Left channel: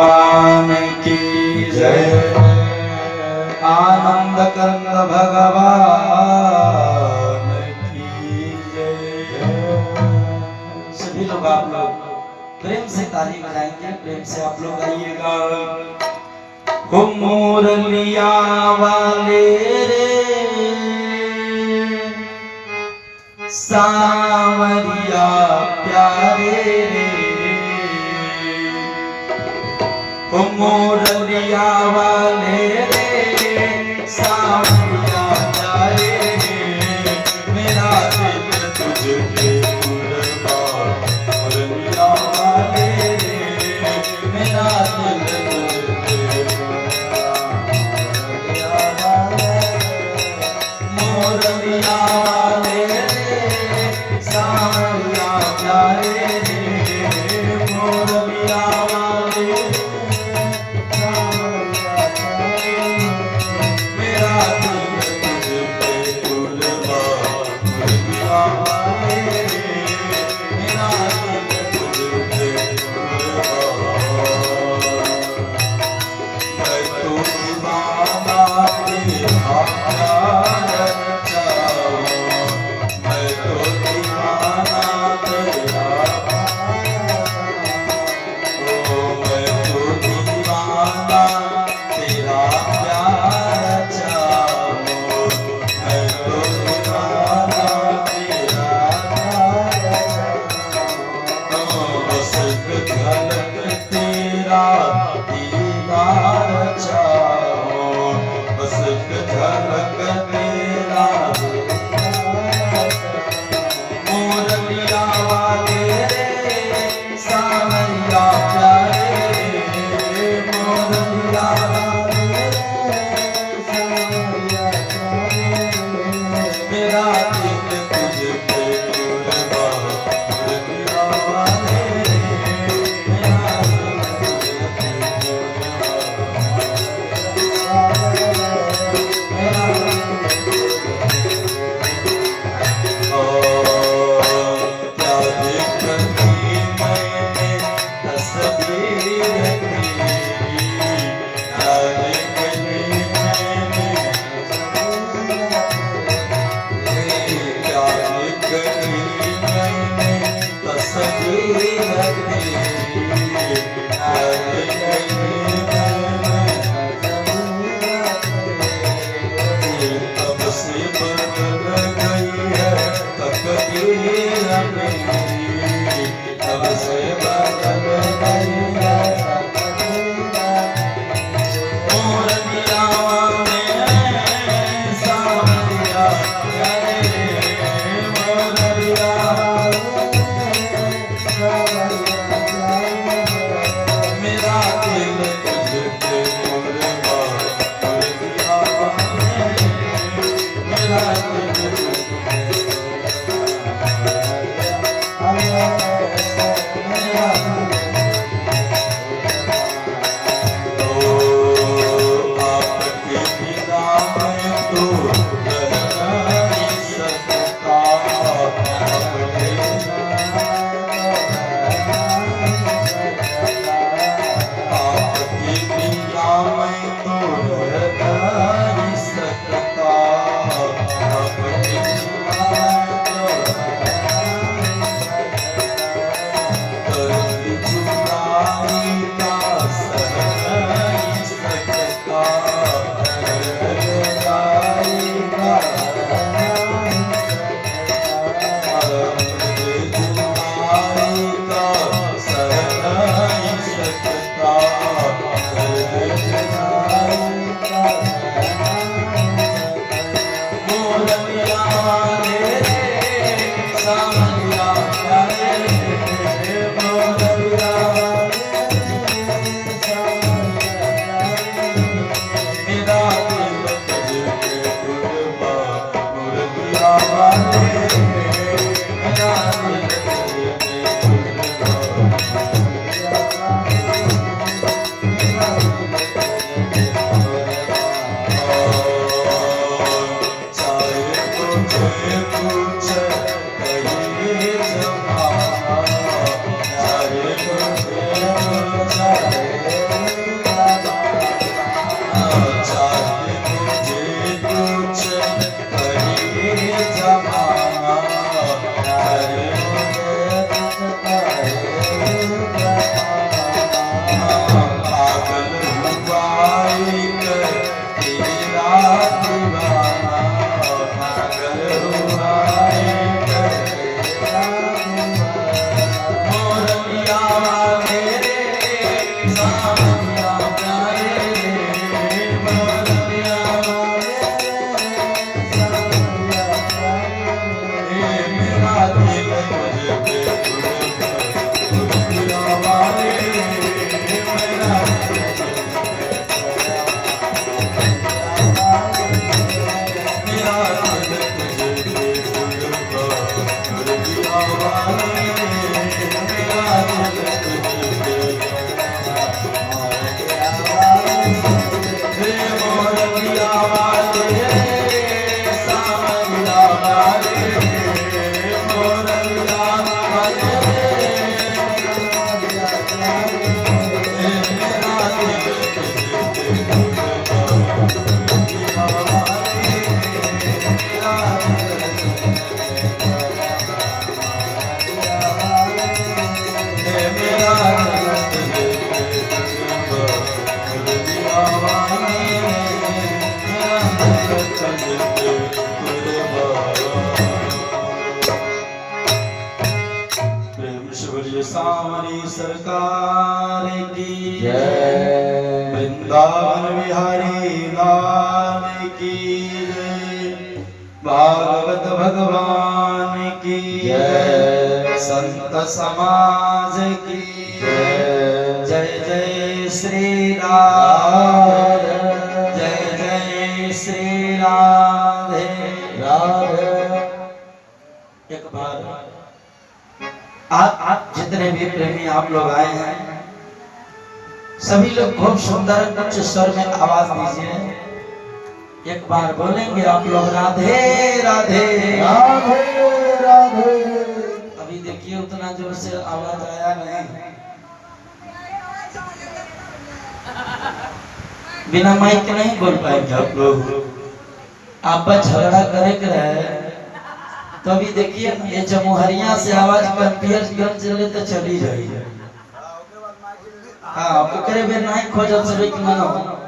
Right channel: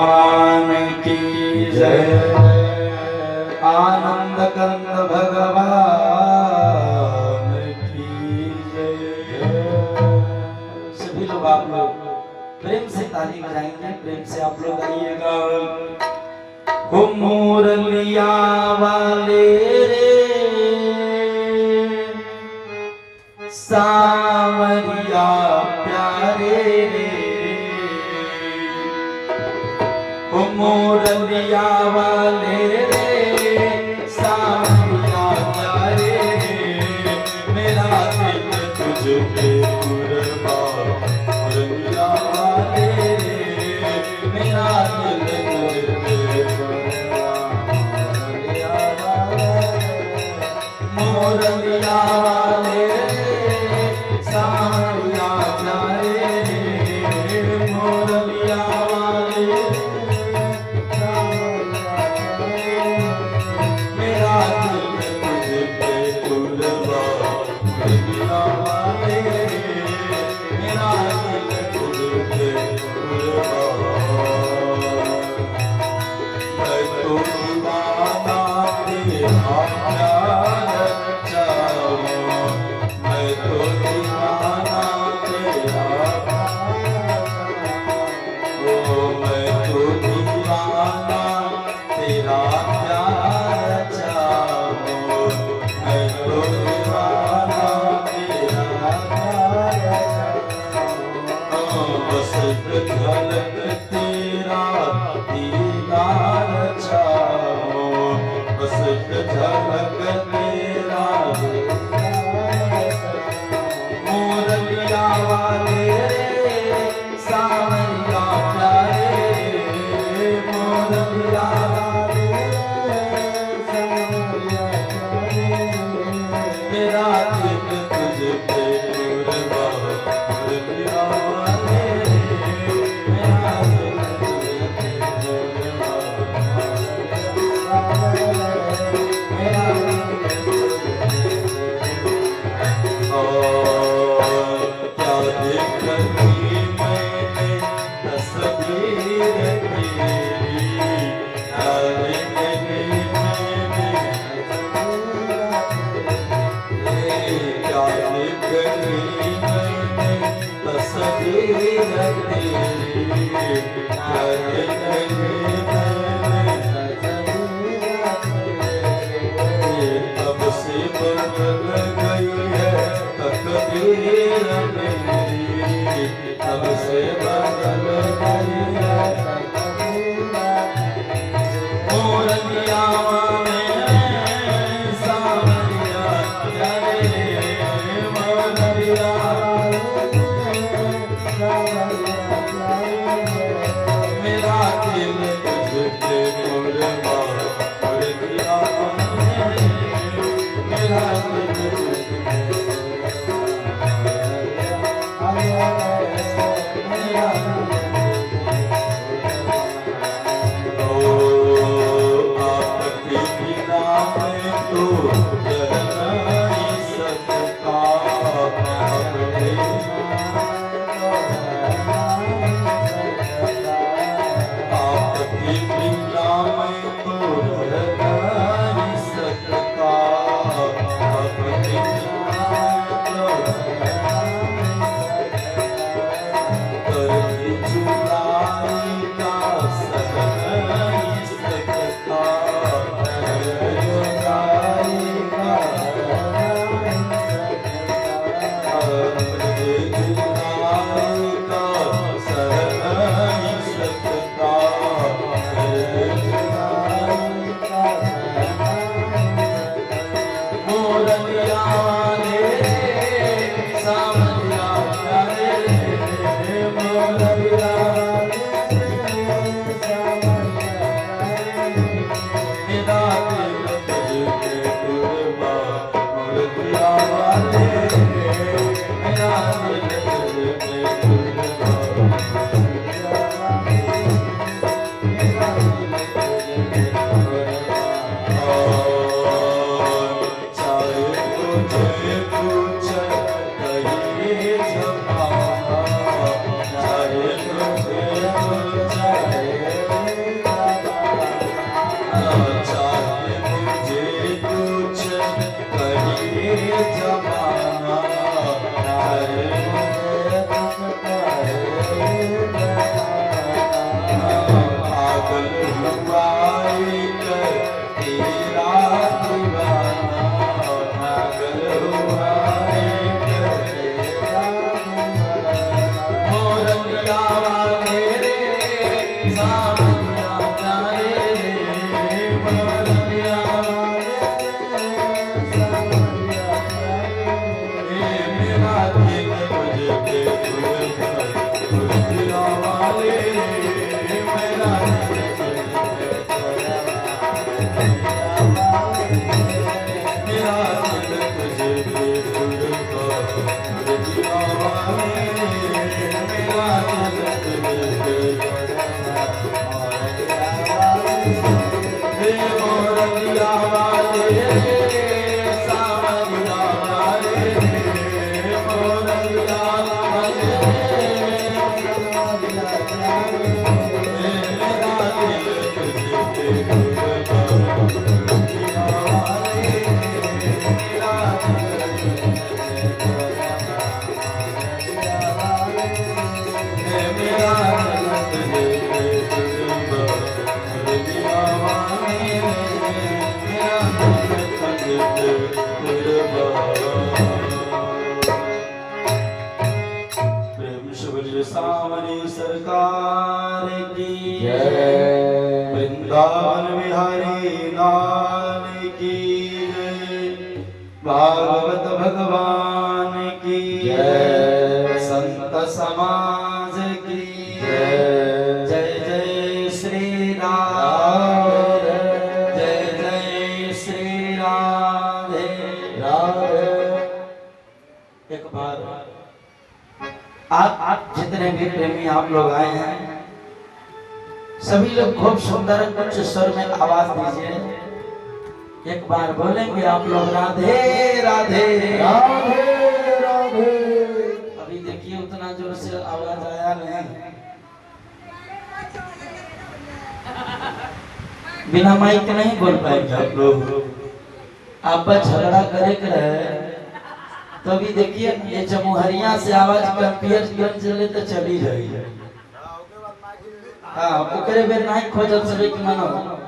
भगवान की जय। आनंद कंद भगवान की जय। सभी लोग आप लोग प्रेम से ताली बजाएंगे, प्रेम से आप लोग आइएगा। हो मुरलिया वाले रे सावरिया प्यारे रे, हो मुरलिया वाले रे सावरिया प्यारे रे, मेरा दिल तुझे कुर्बान। मुरलिया वाले रे मेरा दिल तुझे कुर्बान। मुरलिया वाले रे सावरिया प्यारे रे, मुरलिया वाले मेरा दिल तुझे कुर्बान। मुरलिया वाले मेरा दिल तुझे कुर्बान। मैं तो दीवाना तेरा प्यार चाहूं, मैं तो दीवाना तेरा ओ, मैं तो दीवाना तेरा प्यार चाहूं, मैं तो दीवाना तेरा प्यार चाहूं। बस एक झलक तेरा दीदार चाहूं, बस एक झलक तेरा। मुरलिया वाले रे सावरिया प्यारे रे, मुरलिया वाले सावरिया प्यारे रे, मेरा दिल तुझे कुर्बान। मुरलिया वाले मेरा दिल तुझे क्या देखी मैंने तस्वीर तेरी, क्या देखी मैंने क्या देखी मैंने तस्वीर तेरी, क्या देखी मैंने तब से बदल गई है तकदीर मेरी, तब से बदल गई है तकदीर। मुरलिया वाले सावरिया प्यारे रे, मुरलिया वाले सावरिया प्यारे रे, मेरा दिल तुझे कुर्बान। मुरलिया वाले मेरा दिल तुझे आपके बिना मैं तो रह नहीं सकता, आपके बिना आपके सावरिया प्यारे मोरलिया वाले सावरिया प्यारे मेरा दिल तुझे पे मोरलिया वाले मेरा सावरी सरकार की जय। वृंदावन बिहारी लाल की जय। भागवत भगवान की जय। संत समाज की जय। जय जय श्री राम जय जय श्री राधे राधे। एक बार आप जितने भी प्रेमी आप लोग आए हैं सभी लोग खूब सुंदर उच्च स्वर में आवाज दीजिए। एक बार बोलेंगे आप लोग राधे राधे राधे राधे। अभी देखिए उतना जोर से आवाज आया नहीं। बिना माइक के नहीं बोल पाएंगे आप लोग। आप झगड़ा करे रहे तो अभी देखिए ये जमुहरिया से आवाज कंपियरगंज चले तो चली रही है। हाँ ओकरे में नहीं खोजल से कि मनो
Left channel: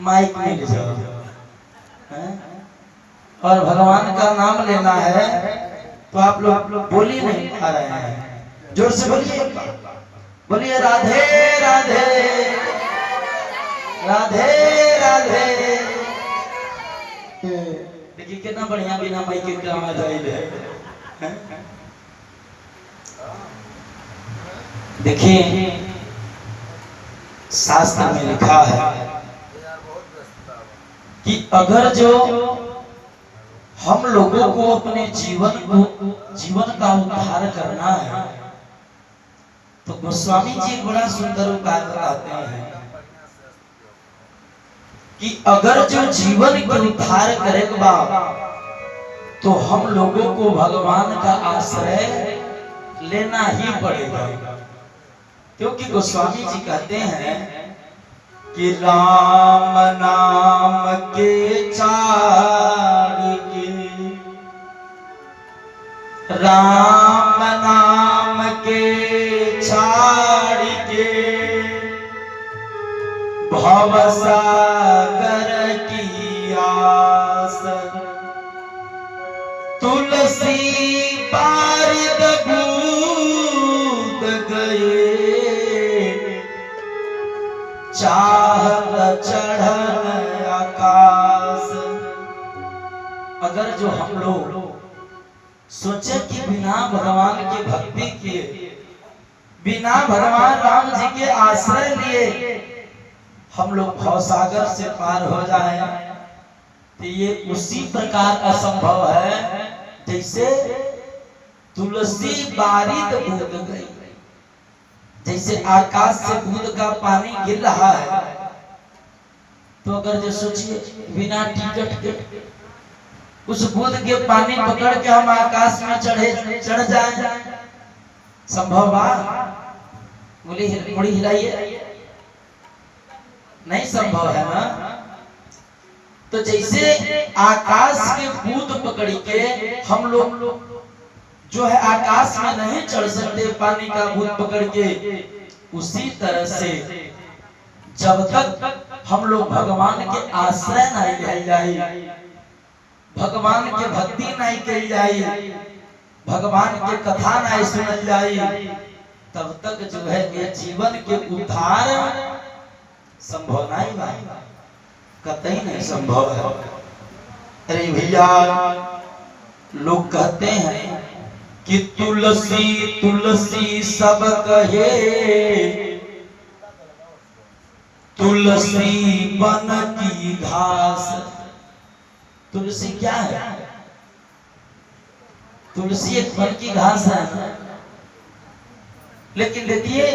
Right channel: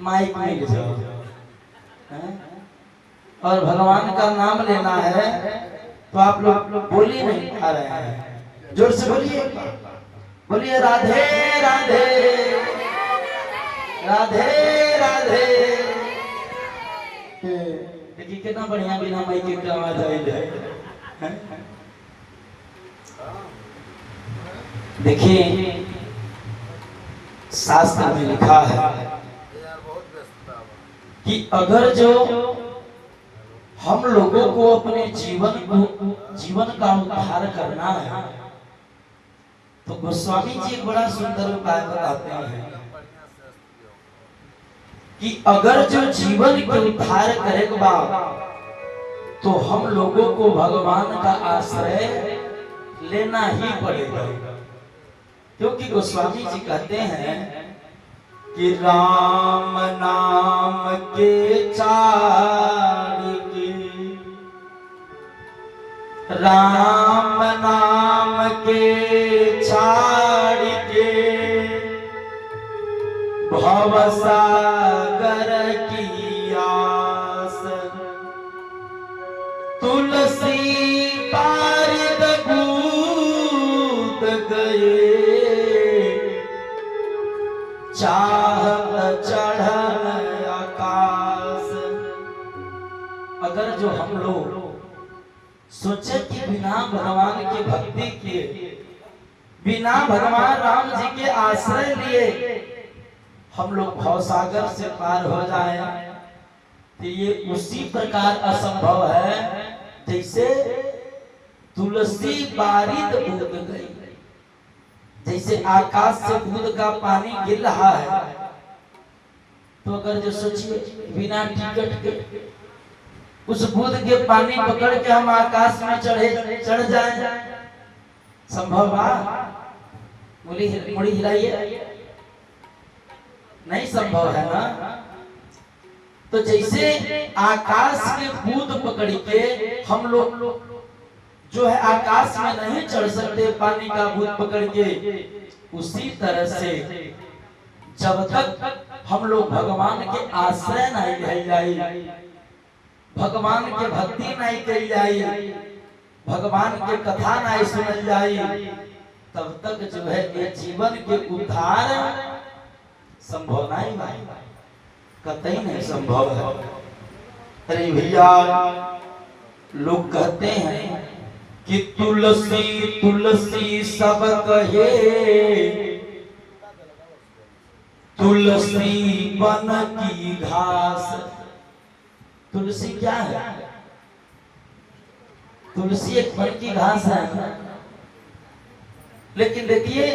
माइक मिल जाओ और भगवान का नाम लेना है तो आप लोग बोल ही नहीं पा रहे हैं। जोर से बोलिए बोलिए राधे राधे राधे राधे। देखिए कितना बढ़िया बिना माइक के आवाज आई है। देखिए शास्त्र में लिखा है कि अगर जो हम लोगों को अपने जीवन का उद्धार करना है तो गोस्वामी जी एक बड़ा सुंदर उपाय बताते हैं कि अगर जो जीवन के उद्धार करेगा तो हम लोगों को भगवान का आश्रय लेना ही पड़ेगा। क्योंकि गोस्वामी जी कहते हैं कि राम नाम के चार की राम नाम के चार के भवसागर की आस तुलसी पारिद कूद गए चाहत चढ़न आकाश। अगर जो हम लोग सोचे कि बिना भगवान की भक्ति किए बिना भगवान राम जी के आश्रय लिए हम लोग भवसागर से पार हो जाए तो ये उसी प्रकार असंभव है जैसे तुलसी बारिद बूंद गई। जैसे आकाश से बूंद का पानी गिर रहा है तो अगर जो सोचिए बिना टिकट के उस बूंद के पानी पकड़ के हम आकाश में चढ़ जाएं संभव बा? मुड़ी हिलाइए, नहीं संभव है ना। तो जैसे आकाश के बूंद पकड़ के हम लोग जो है आकाश में नहीं चढ़ सकते पानी का बूंद पकड़ के, उसी तरह से जब तक हम लोग भगवान के आश्रय नहीं ले जाए, भगवान के भक्ति नहीं कही जाए, भगवान के कथा नहीं सुनल जाए, तब तक जो है ये जीवन के उद्धार संभव नहीं भाई, कतई नहीं संभव है। अरे भैया लोग कहते हैं कि तुलसी तुलसी सब कहे, तुलसी वन की घास। तुलसी क्या है? तुलसी एक वन की घास है। लेकिन देखिए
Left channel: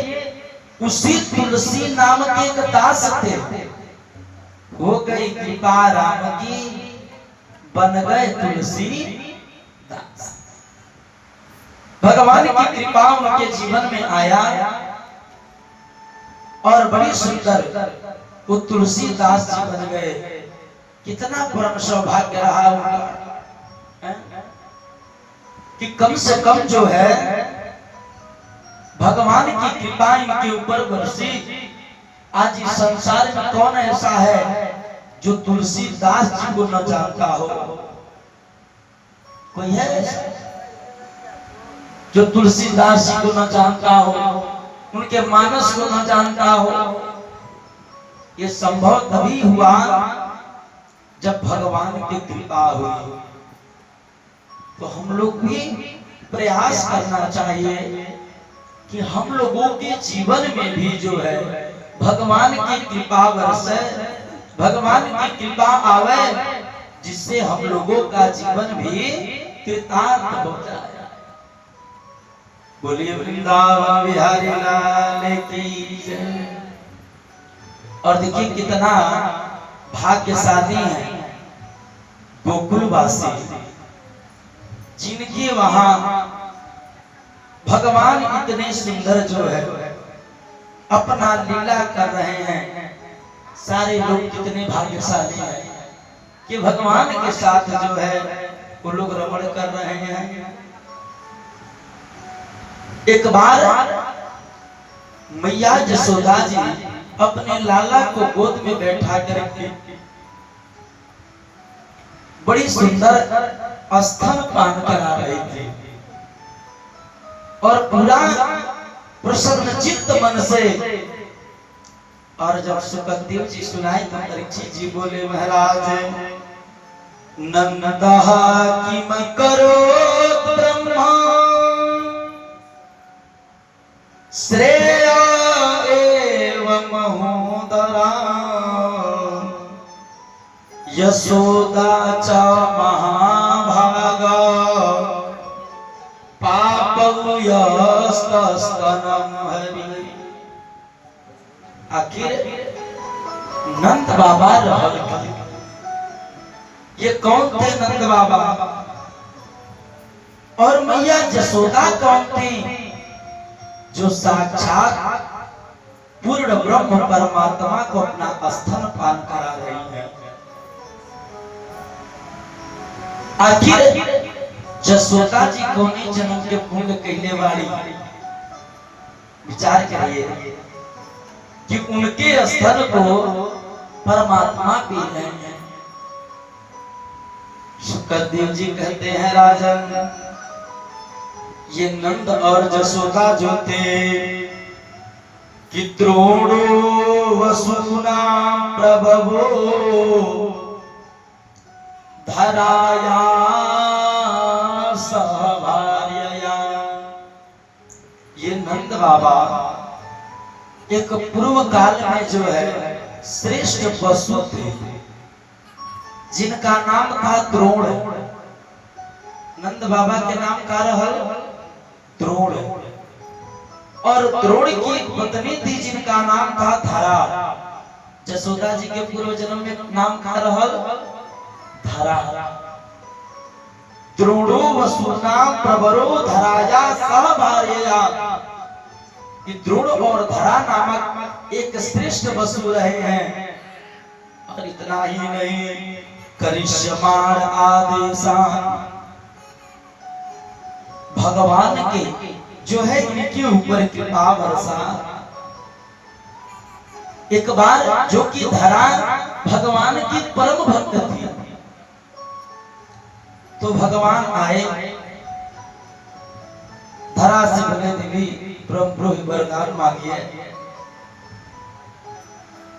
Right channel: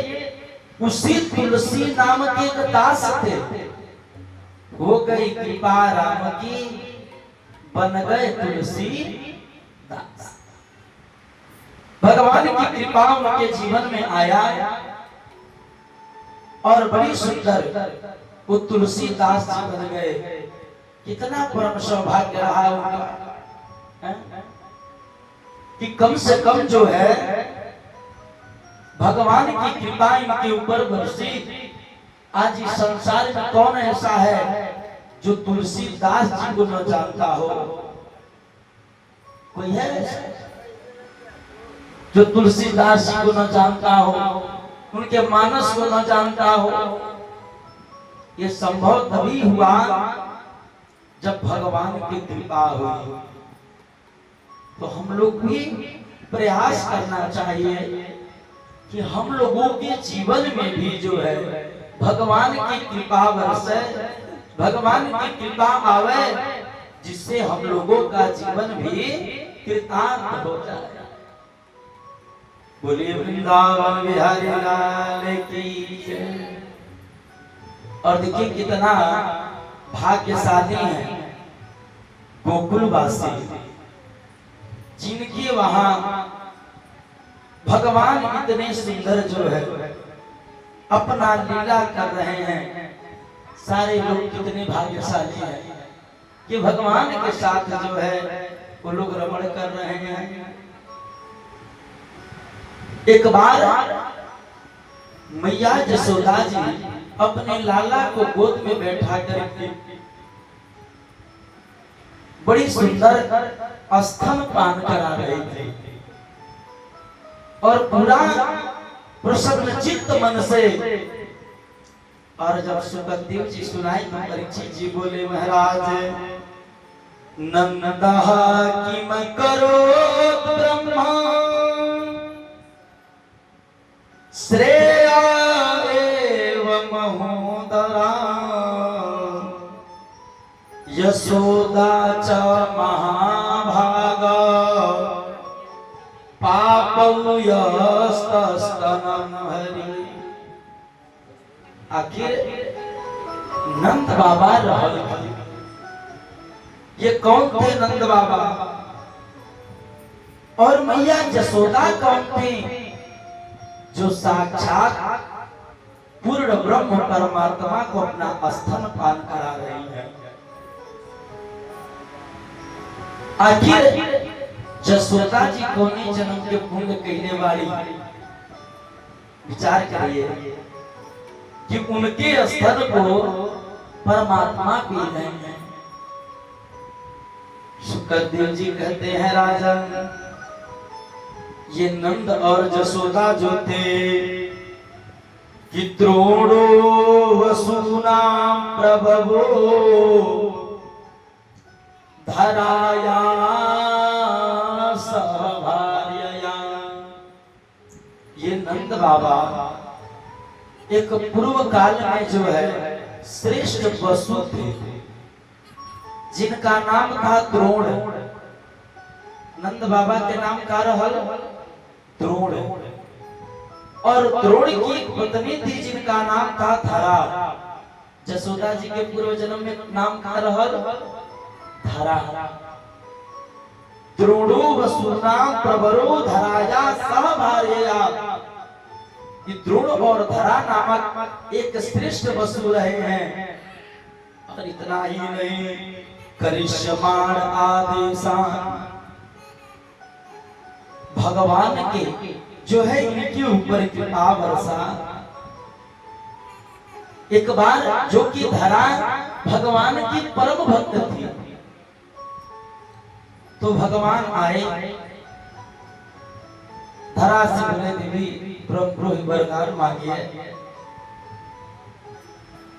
उसी तुलसी नाम के एक दास थे, हो गई कृपा राम की, बन गए तुलसी दास। भगवान की कृपा उनके जीवन में आया और बड़ी सुंदर वो तुलसीदास जी बन गए। कितना परम सौभाग्य रहा उनका कि कम से कम जो है भगवान की कृपा इनके ऊपर बरसी। आज इस संसार में कौन ऐसा है जो तुलसीदास जी को न जानता हो? कोई है ऐसा जो तुलसीदास जी को न जानता हो, उनके मानस को न जानता हो? ये संभव तभी हुआ जब भगवान की कृपा हुई। तो हम लोग भी प्रयास करना चाहिए कि हम लोगों के जीवन में भी जो है भगवान की कृपा बरसे, भगवान की कृपा आवे, जिससे हम लोगों का जीवन भी कृतार्थ हो जाए। बोलिए वृंदावन बिहारी लाल की जय। और देखिए कितना भाग्यशाली है गोकुलवासी, जिनके वहां भगवान इतने सुंदर जो है अपना लीला कर रहे हैं। सारे लोग कितने भाग्यशाली हैं कि भगवान के साथ जो है वो लोग रमण कर रहे हैं। एक बार मैया जसोदा जी अपने लाला को गोद में बैठा करके बड़ी सुंदर स्तन पान करा रहे थे और पूरा प्रसन्न चित्त मन से। और जब सुखदेव जी सुनाई तो परीक्षित जी बोले, महाराज नंदहा किम करो ब्रह्मा श्रेया एव महोदरा, यशोदा च महाभागा पापौ यस्तस्तनम हरि। आखिर नंद बाबा रहल की, ये कौन थे नंद बाबा? और मैया जसोदा कौन थी? जो साक्षात पूर्ण ब्रह्म परमात्मा को अपना स्तन पान करा रही है। आखिर जसोदा जी कौने जन्म के पुण्य कहने वाली? विचार करिए कि उनके स्तन को परमात्मा पी रहे हैं। सुखदेव जी कहते हैं, राजन ये नंद और जसोदा जो थे कि द्रोणो वसुना प्रभवो धराया सहभार्यया। ये नंद बाबा एक पूर्व काल में जो है श्रेष्ठ वसु थे, जिनका नाम था द्रोण। नंद बाबा के नाम का रहल द्रोण, और द्रोण की एक पत्नी थी जिनका नाम था धरा। जसोदा जी के पूर्व जन्म में नाम का रहल धरा। द्रोणो वसुना प्रवरो धराया सहभार्यया। द्रोण और धरा नामक एक श्रेष्ठ वसु रहे हैं। और इतना ही नहीं, करिष्यमाण आदेशान, भगवान के जो है इनके ऊपर कृपा वर्षा। एक बार जो कि धरा भगवान की परम भक्त थी, तो भगवान आए, धरा से बोले, देवी प्रभु वरदान मांगिए।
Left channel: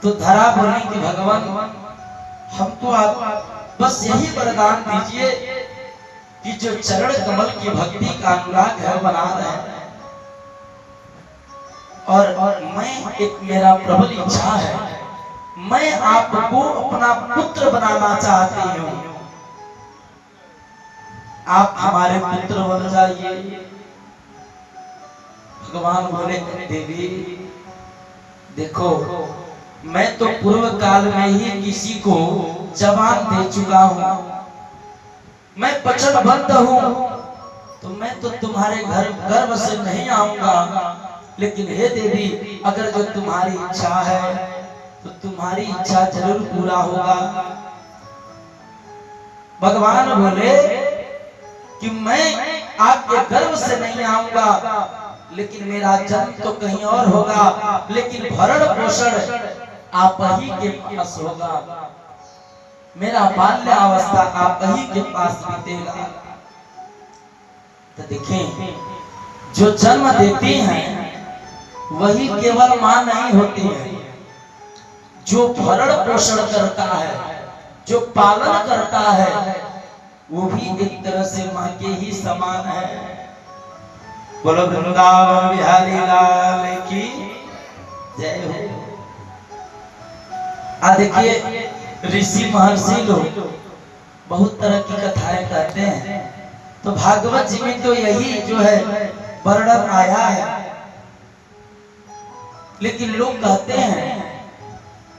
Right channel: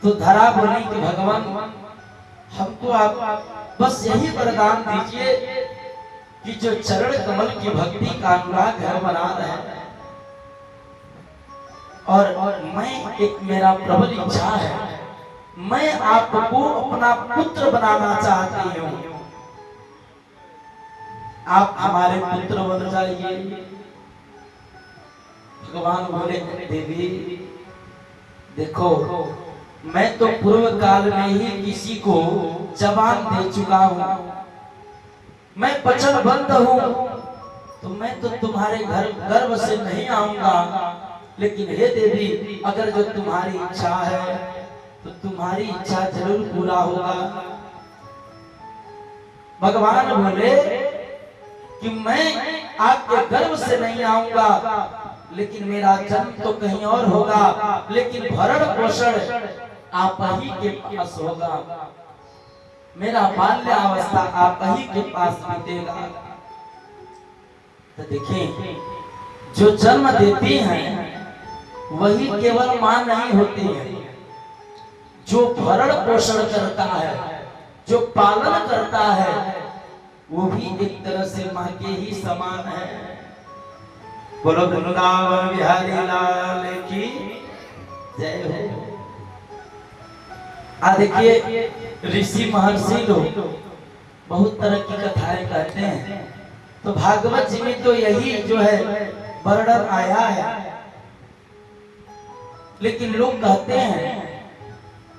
तो धरा बोली कि भगवान हमको आप बस यही वरदान दीजिए कि जो चरण कमल की भक्ति का अनुराग घर बना रहे हैं, और मैं एक मेरा प्रबल इच्छा है, मैं आपको अपना पुत्र बनाना चाहती हूँ, आप हमारे पुत्र बन जाइए। भगवान बोले देवी देखो, मैं तो पूर्व काल में ही किसी को जबान दे चुका हूँ, मैं वचनबद्ध हूँ, तो मैं तो तुम्हारे घर गर्भ से नहीं आऊंगा, लेकिन हे देवी अगर जो तुम्हारी इच्छा है तो तुम्हारी इच्छा जरूर पूरा होगा। भगवान बोले कि मैं आपके गर्भ से नहीं आऊंगा, लेकिन मेरा जन्म तो कहीं और होगा, लेकिन भरण पोषण आप ही के पास होगा, मेरा बाल्य अवस्था आप ही के पास बीतेगा। तो देखें, जो जन्म देती हैं वही केवल मां नहीं होती है, जो भरण पोषण करता है, जो पालन करता है, वो भी एक तरह से मां के ही समान है। बोलो वृंदावन बिहारी लाल की जय हो। देखिए ऋषि महर्षि लोग बहुत तरह की कथाएं कहते हैं, तो भागवत जी में तो यही जो है वर्णन आया है, लेकिन लोग कहते हैं,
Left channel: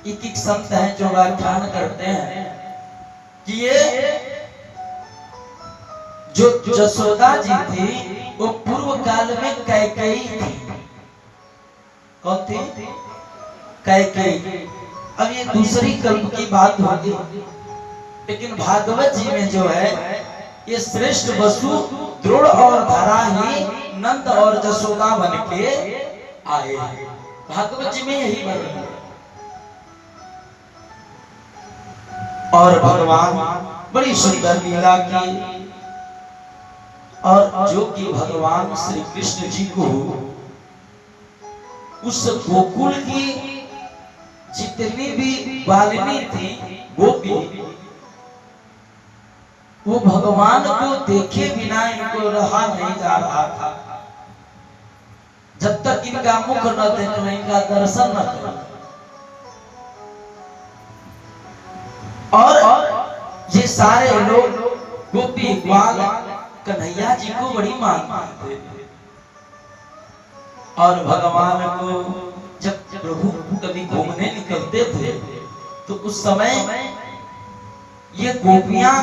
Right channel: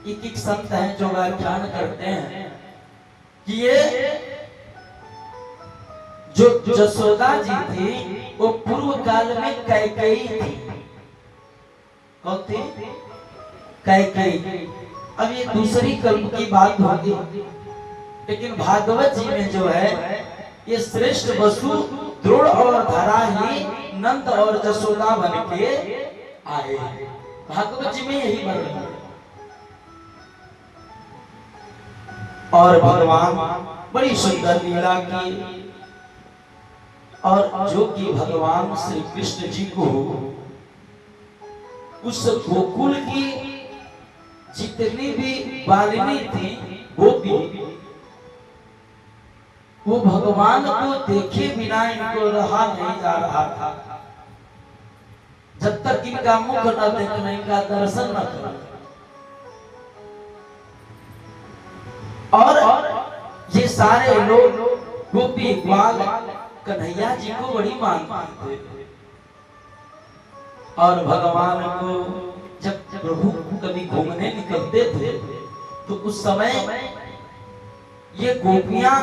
एक संत हैं जो व्याख्यान करते हैं कि ये जो जसोदा जी थी वो पूर्व काल में कैकेयी थी। कौन थी? कैकेयी। अब ये दूसरी कल्प की बात होगी, लेकिन भागवत जी में जो है ये श्रेष्ठ वसु द्रोण और धरा ही नंद और जसोदा बन के आए। भागवत जी में यही वर्णन है। और भगवान बड़ी सुंदर लीला की, और जो कि भगवान श्री कृष्ण जी को उस गोकुल की जितनी भी बालिनी थी गोपी, वो भगवान को देखे बिना इनको रहा नहीं जा रहा था। जब तक इनका मुख न देख लें, इनका दर्शन न करें। और ये सारे लोग गोपी ग्वाल कन्हैया जी को बड़ी मानते थे, और भगवान को जब प्रभु कभी घूमने निकलते थे तो उस समय ये गोपियां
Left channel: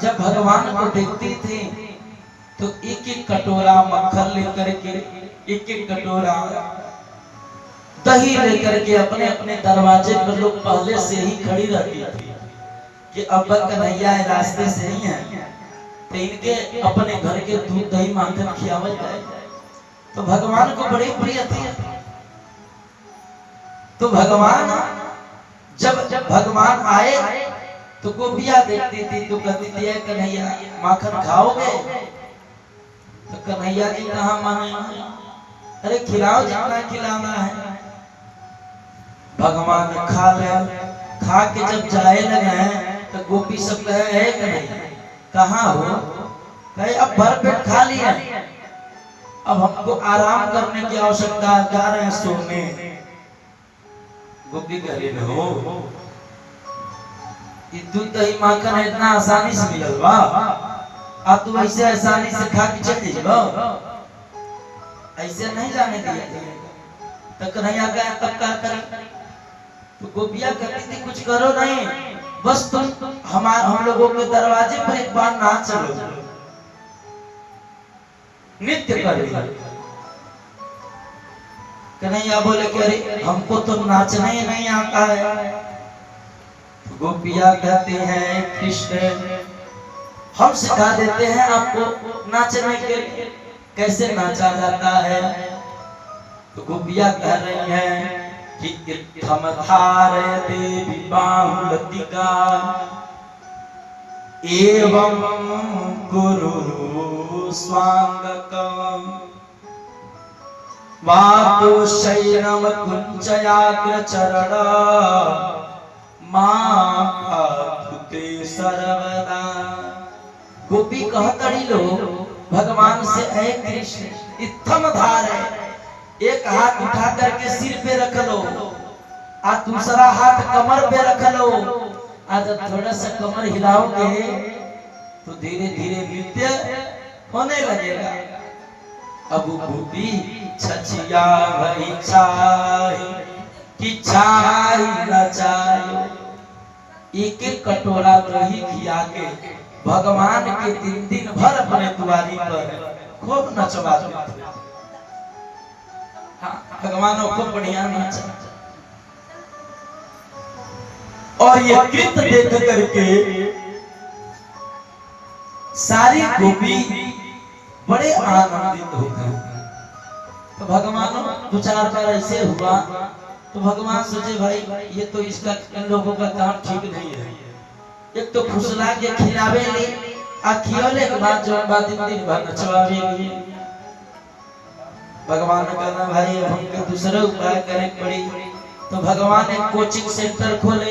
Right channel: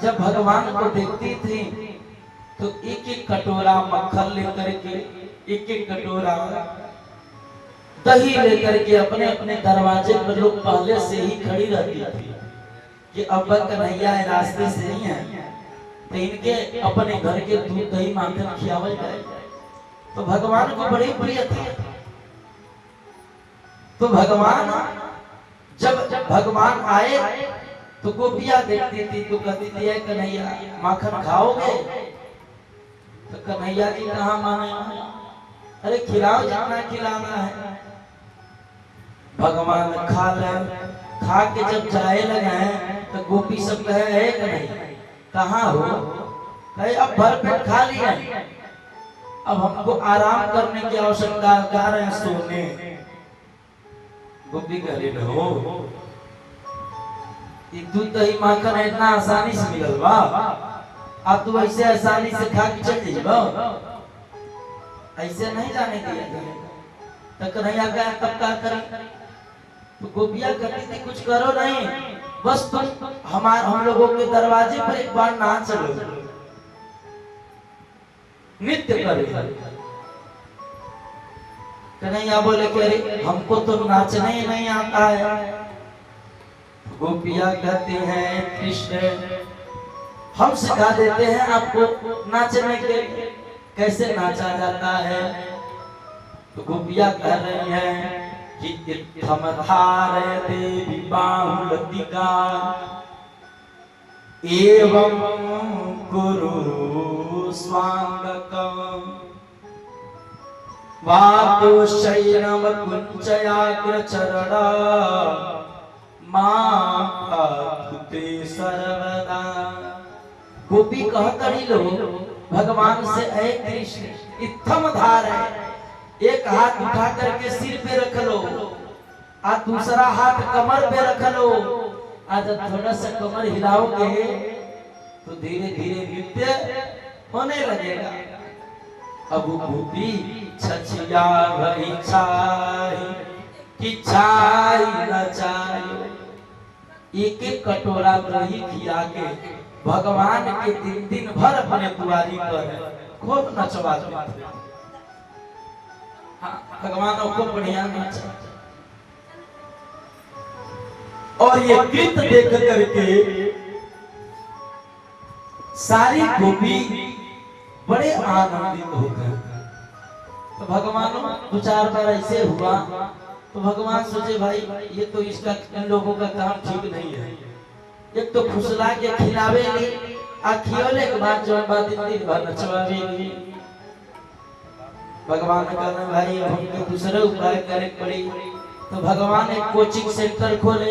जब भगवान को देखती थी तो एक एक कटोरा मक्खन लेकर के, एक एक कटोरा दही लेकर के अपने अपने दरवाजे पर लोग पहले से ही खड़ी रहती थी कि अब कन्हैया रास्ते से ही है, तो इनके अपने घर के दूध दही माखन खियावल जाए। तो भगवान को बड़ी प्रिय था। तो भगवान जब भगवान आए तो गोपियां देखती थी तो कहती थी कन्हैया माखन खाओगे? तो कन्हैया जी कहाँ माने, अरे खिलाओ जितना खिलाना है। भगवान खा ले, खा के जब जाए लगे तो गोपी सब कहे है कन्हैया कहाँ हो? कहे अब भर पेट खा लिया, अब हमको आराम करने की आवश्यकता है, जा रहे हैं सोने। गोपी कह रही हो दूध दही माखन इतना आसानी से मिलल बा, अब तो ऐसे आसानी से खा के चल जाइबो, ऐसे नहीं जाने दिया। तो कन्हैया का तब क्या करें? तो गोपियां कहती थी कुछ करो नहीं, बस तुम हम लोगों के दरवाजे पर एक बार नाच लो, नृत्य करो। कन्हैया बोले कि अरे हमको तो नाचना ही नहीं आता है। गोपियां कहती हैं कृष्ण हम सिखा देते हैं आपको नाचने के लिए, कैसे नाचा जाता है। तो गोपियां कह रही हैं कि इत्थम धारयते बाहुलतिका एवं कुरु स्वांगकम्। वातो शैनम कुंचयाग्र चरण माते सर्वदा। गोपी कहतड़ी लो भगवान से, ऐ कृष्ण इत्थम धार है, एक हाथ उठा करके सिर पे रख लो, आज दूसरा हाथ कमर पे रख लो। आज थोड़ा सा कमर हिलाओगे तो धीरे धीरे नृत्य होने लगेगा। अब गोपी छछिया भरी छाई कि छाई न चायो, एक एक कटोरा दही खिया के भगवान के दिन भर अपने दुआरी पर खूब नचवाते थे। भगवान खूब बढ़िया नाचा। और ये कृत देख करके सारी गोपी बड़े आनंदित हो गए। तो भगवान दो चार बार ऐसे हुआ तो भगवान सोचे भाई ये तो इसका इन लोगों का काम ठीक नहीं है। एक तो फुसला के खिलावे ले आ खियोले के बाद जो बात दिन भर नचवावे ले। भगवान ने कहा भाई अब हमको दूसरा उपाय करने पड़ी। तो भगवान एक कोचिंग सेंटर खोले,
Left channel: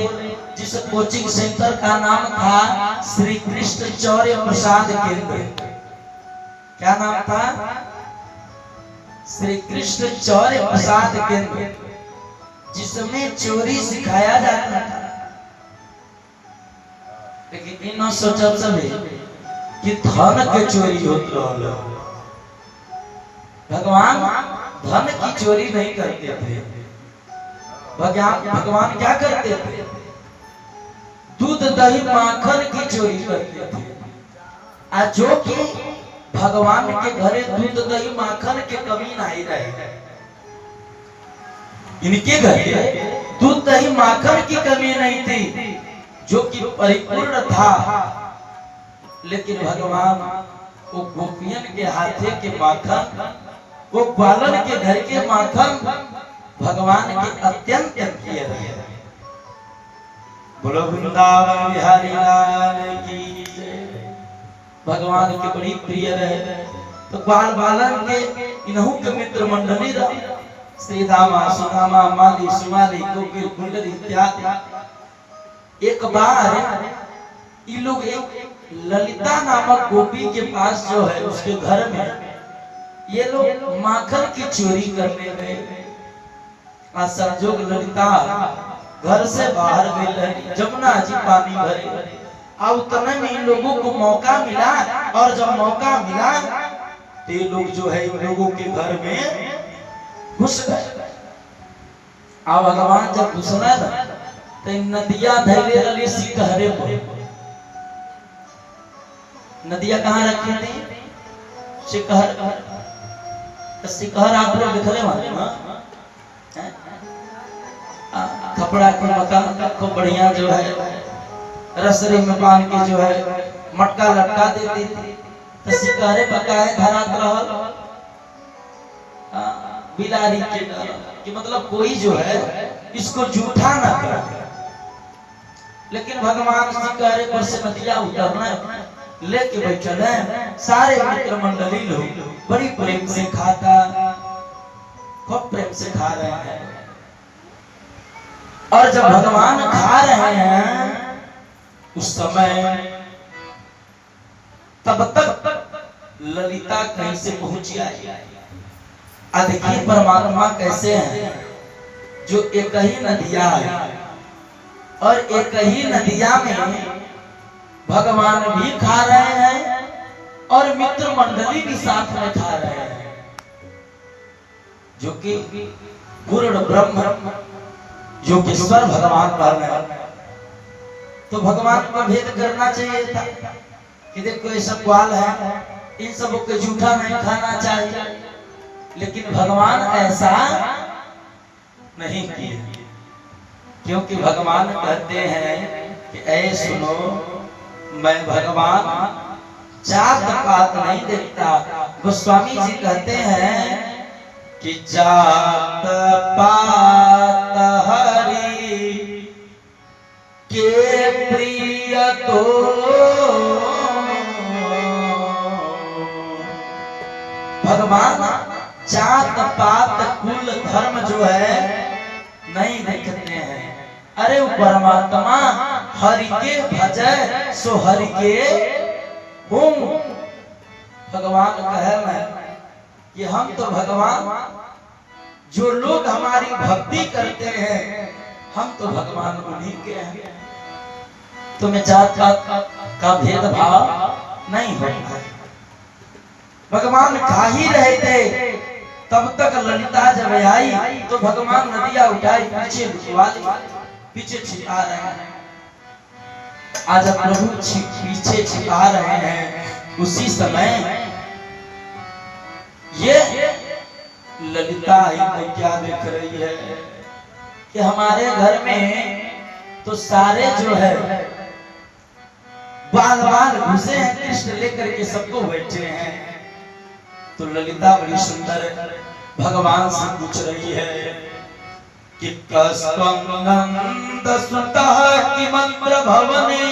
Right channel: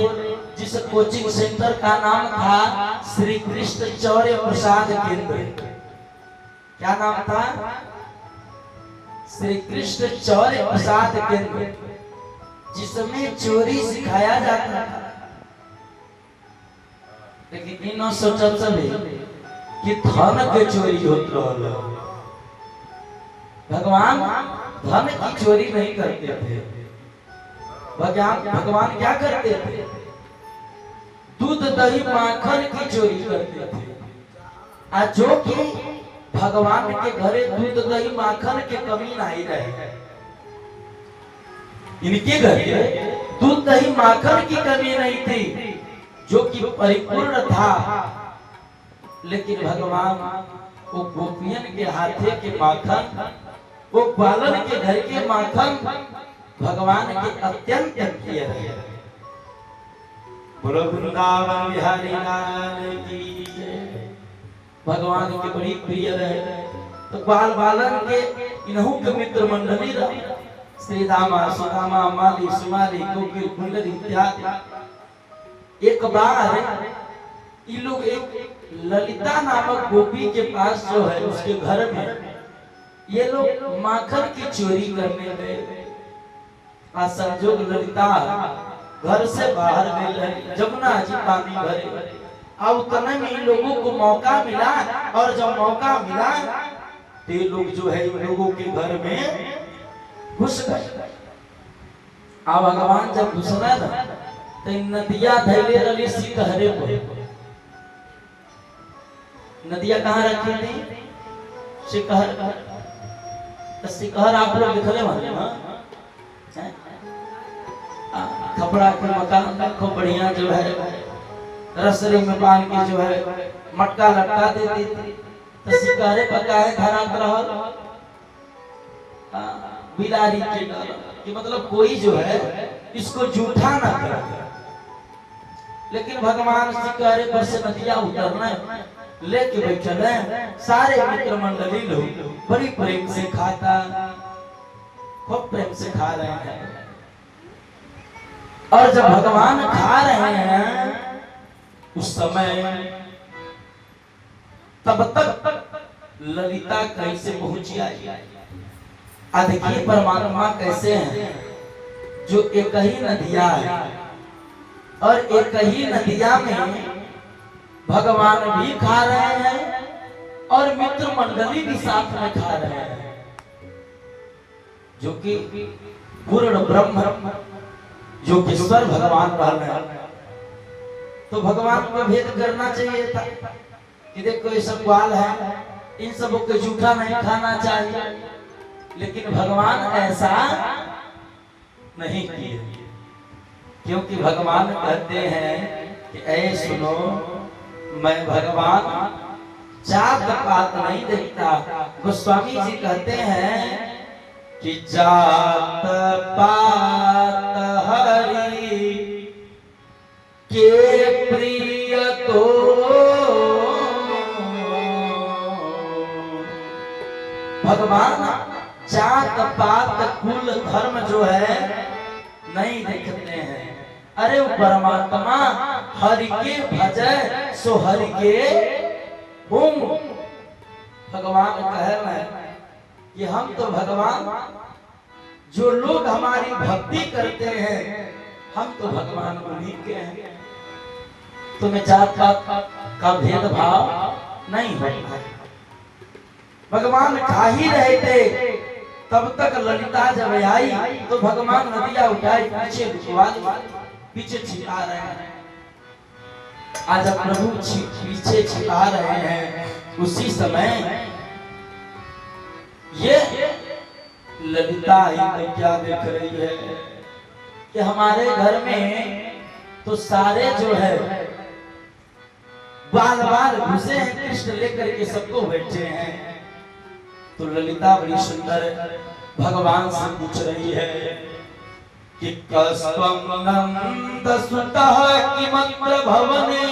जिस कोचिंग सेंटर का नाम था श्री कृष्ण चौर्य प्रसाद केंद्र। क्या नाम था? श्री कृष्ण चौर्य प्रसाद केंद्र, जिसमें चोरी सिखाया जाता था। लेकिन इन सोचल सभी कि धन के चोरी होत रहल। भगवान धन की चोरी नहीं करते थे। भगवान क्या करते थे? दूध दही माखन की चोरी करते थे। आज जो कि भगवान के घरे दूध दही माखन के कमी नहीं रहे, इनके घरे दूध दही माखन की कमी नहीं थी, जो कि परिपूर्ण था। लेकिन भगवान वो गोपियन के हाथे के माखन, वो बालन के घर के माखन भगवान के अत्यंत प्रिय रहे। बोलो वृंदावन बिहारी लाल की जय। भगवान के बड़ी प्रिय रहे। तो बाल बालन के इन्हों के मित्र मंडली रहे, श्री दामा सुदामा माली सुमाली कोकिल कुंडली इत्यादि। एक बार ये लोग एक ललिता नामक गोपी के पास जो है उसके घर में ये लोग माखन की चोरी करने गए। आज संजोग ललिता घर से बाहर गई, जमुना जी पानी भरे। अब उतने में इन लोगों को मौका मिला, और जब मौका मिला तो ये लोग जो है इन लोगों के घर में घुस गए। अब भगवान जब घुसना ना तो नदिया धैले रही सिकहरे पर। नदिया कहाँ रखी थी? सिकहर। सिकहर आप लोग दिखले वाले कपड़ा के मकान खूब बढ़िया जो है रसरी में बांध के जो है मटका लटका देती थी। तो सिकहरे पकाए धरात रहल बिलारी के डर कि मतलब कोई जो है इसको जूठा ना करे। लेकिन भगवान सिकहरे पर से नदिया उतरना लेके बैठल है। सारे मित्र मंडली लोग बड़ी प्रेम से खाता, खूब प्रेम से खा रहे हैं। और जब भगवान खा रहे हैं उस समय तब तक ललिता कहीं से पहुंची आई। देखिए परमात्मा कैसे हैं, जो एक ही नदिया है और एक ही नदिया में भगवान भी खा रहे हैं और मित्र मंडली भी साथ में खा रहे हैं, जो कि पूर्ण ब्रह्म योगेश्वर भगवान कह रहे हैं। तो भगवान को भेद करना चाहिए था कि देखो ये सब ग्वाल है, इन सबों को जूठा नहीं खाना चाहिए। लेकिन भगवान ऐसा नहीं किए, क्योंकि भगवान कहते हैं कि ऐ सुनो, मैं भगवान जात पात नहीं देखता। गोस्वामी जी कहते हैं कि जात पात हरि के प्रिय तो भगवान जात पात कुल धर्म जो है नहीं देखते हैं। अरे वो परमात्मा हरि के भजय सो हरि के हुम। भगवान कहे मैं कि हम तो भगवान, जो लोग हमारी भक्ति करते हैं हम तो भगवान उन्हीं के हैं। तुम्हें जात पात का भेदभाव नहीं होता है। भगवान खा ही रहे थे तब तक ललिता जब आई तो भगवान नदिया उठाई पीछे पीछे छिपा रहे हैं। आज प्रभु पीछे छिपा रहे हैं, उसी समय ये ललिता क्या देख रही है कि हमारे घर में तो सारे जो है बाल बाल घुसे हैं, कृष्ण लेकर के सबको बैठे हैं। तो ललिता बड़ी सुंदर भगवान से पूछ रही है कि कस्त्वं नंद सुतः किमत्र भवने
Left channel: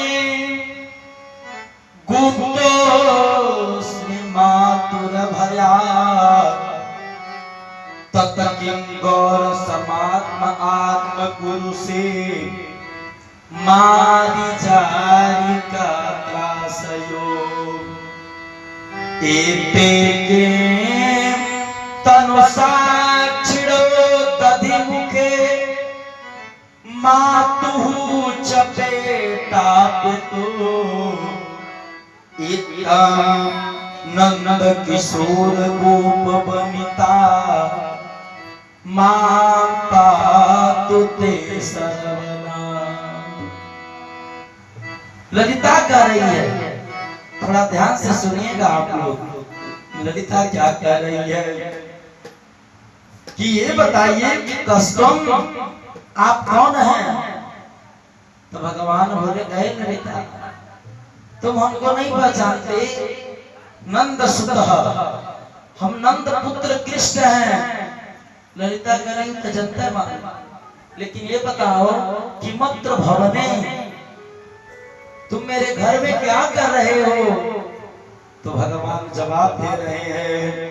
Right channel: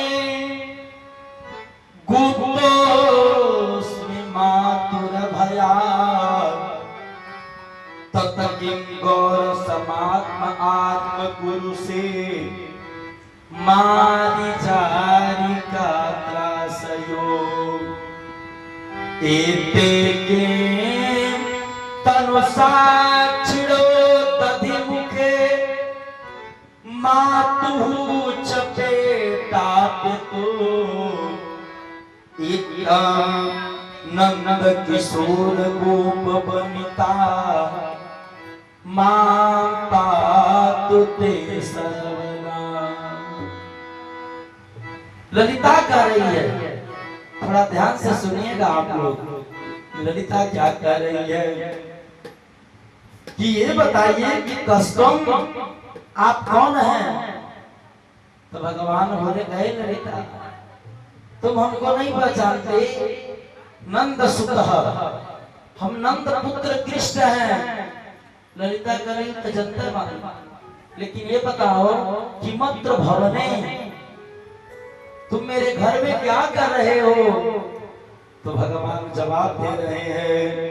गुप्तोऽस्मि मातुर भयात् तत किं गौर समात्म आत्म गुरु से मारिचारी का त्रासयो एते के तनु साक्षिणो दधि मुखे मातुः चपेटा पितु इत्थं नंद किशोर गोप बनिता माता तुते सर्वना। ललिता कह रही है, थोड़ा ध्यान से सुनिएगा आप लोग। ललिता क्या कह रही है कि ये बताइए कि कस्त्वं आप कौन हैं? तो भगवान बोले गए ललिता तुम हमको नहीं पहचानते, नंद सुतः हम नंद पुत्र कृष्ण हैं। ललिता कह रही तो जनता मालूम, लेकिन ये बताओ कि मत्र भवने तुम मेरे घर में क्या कर रहे हो? तो भगवान जवाब दे रहे हैं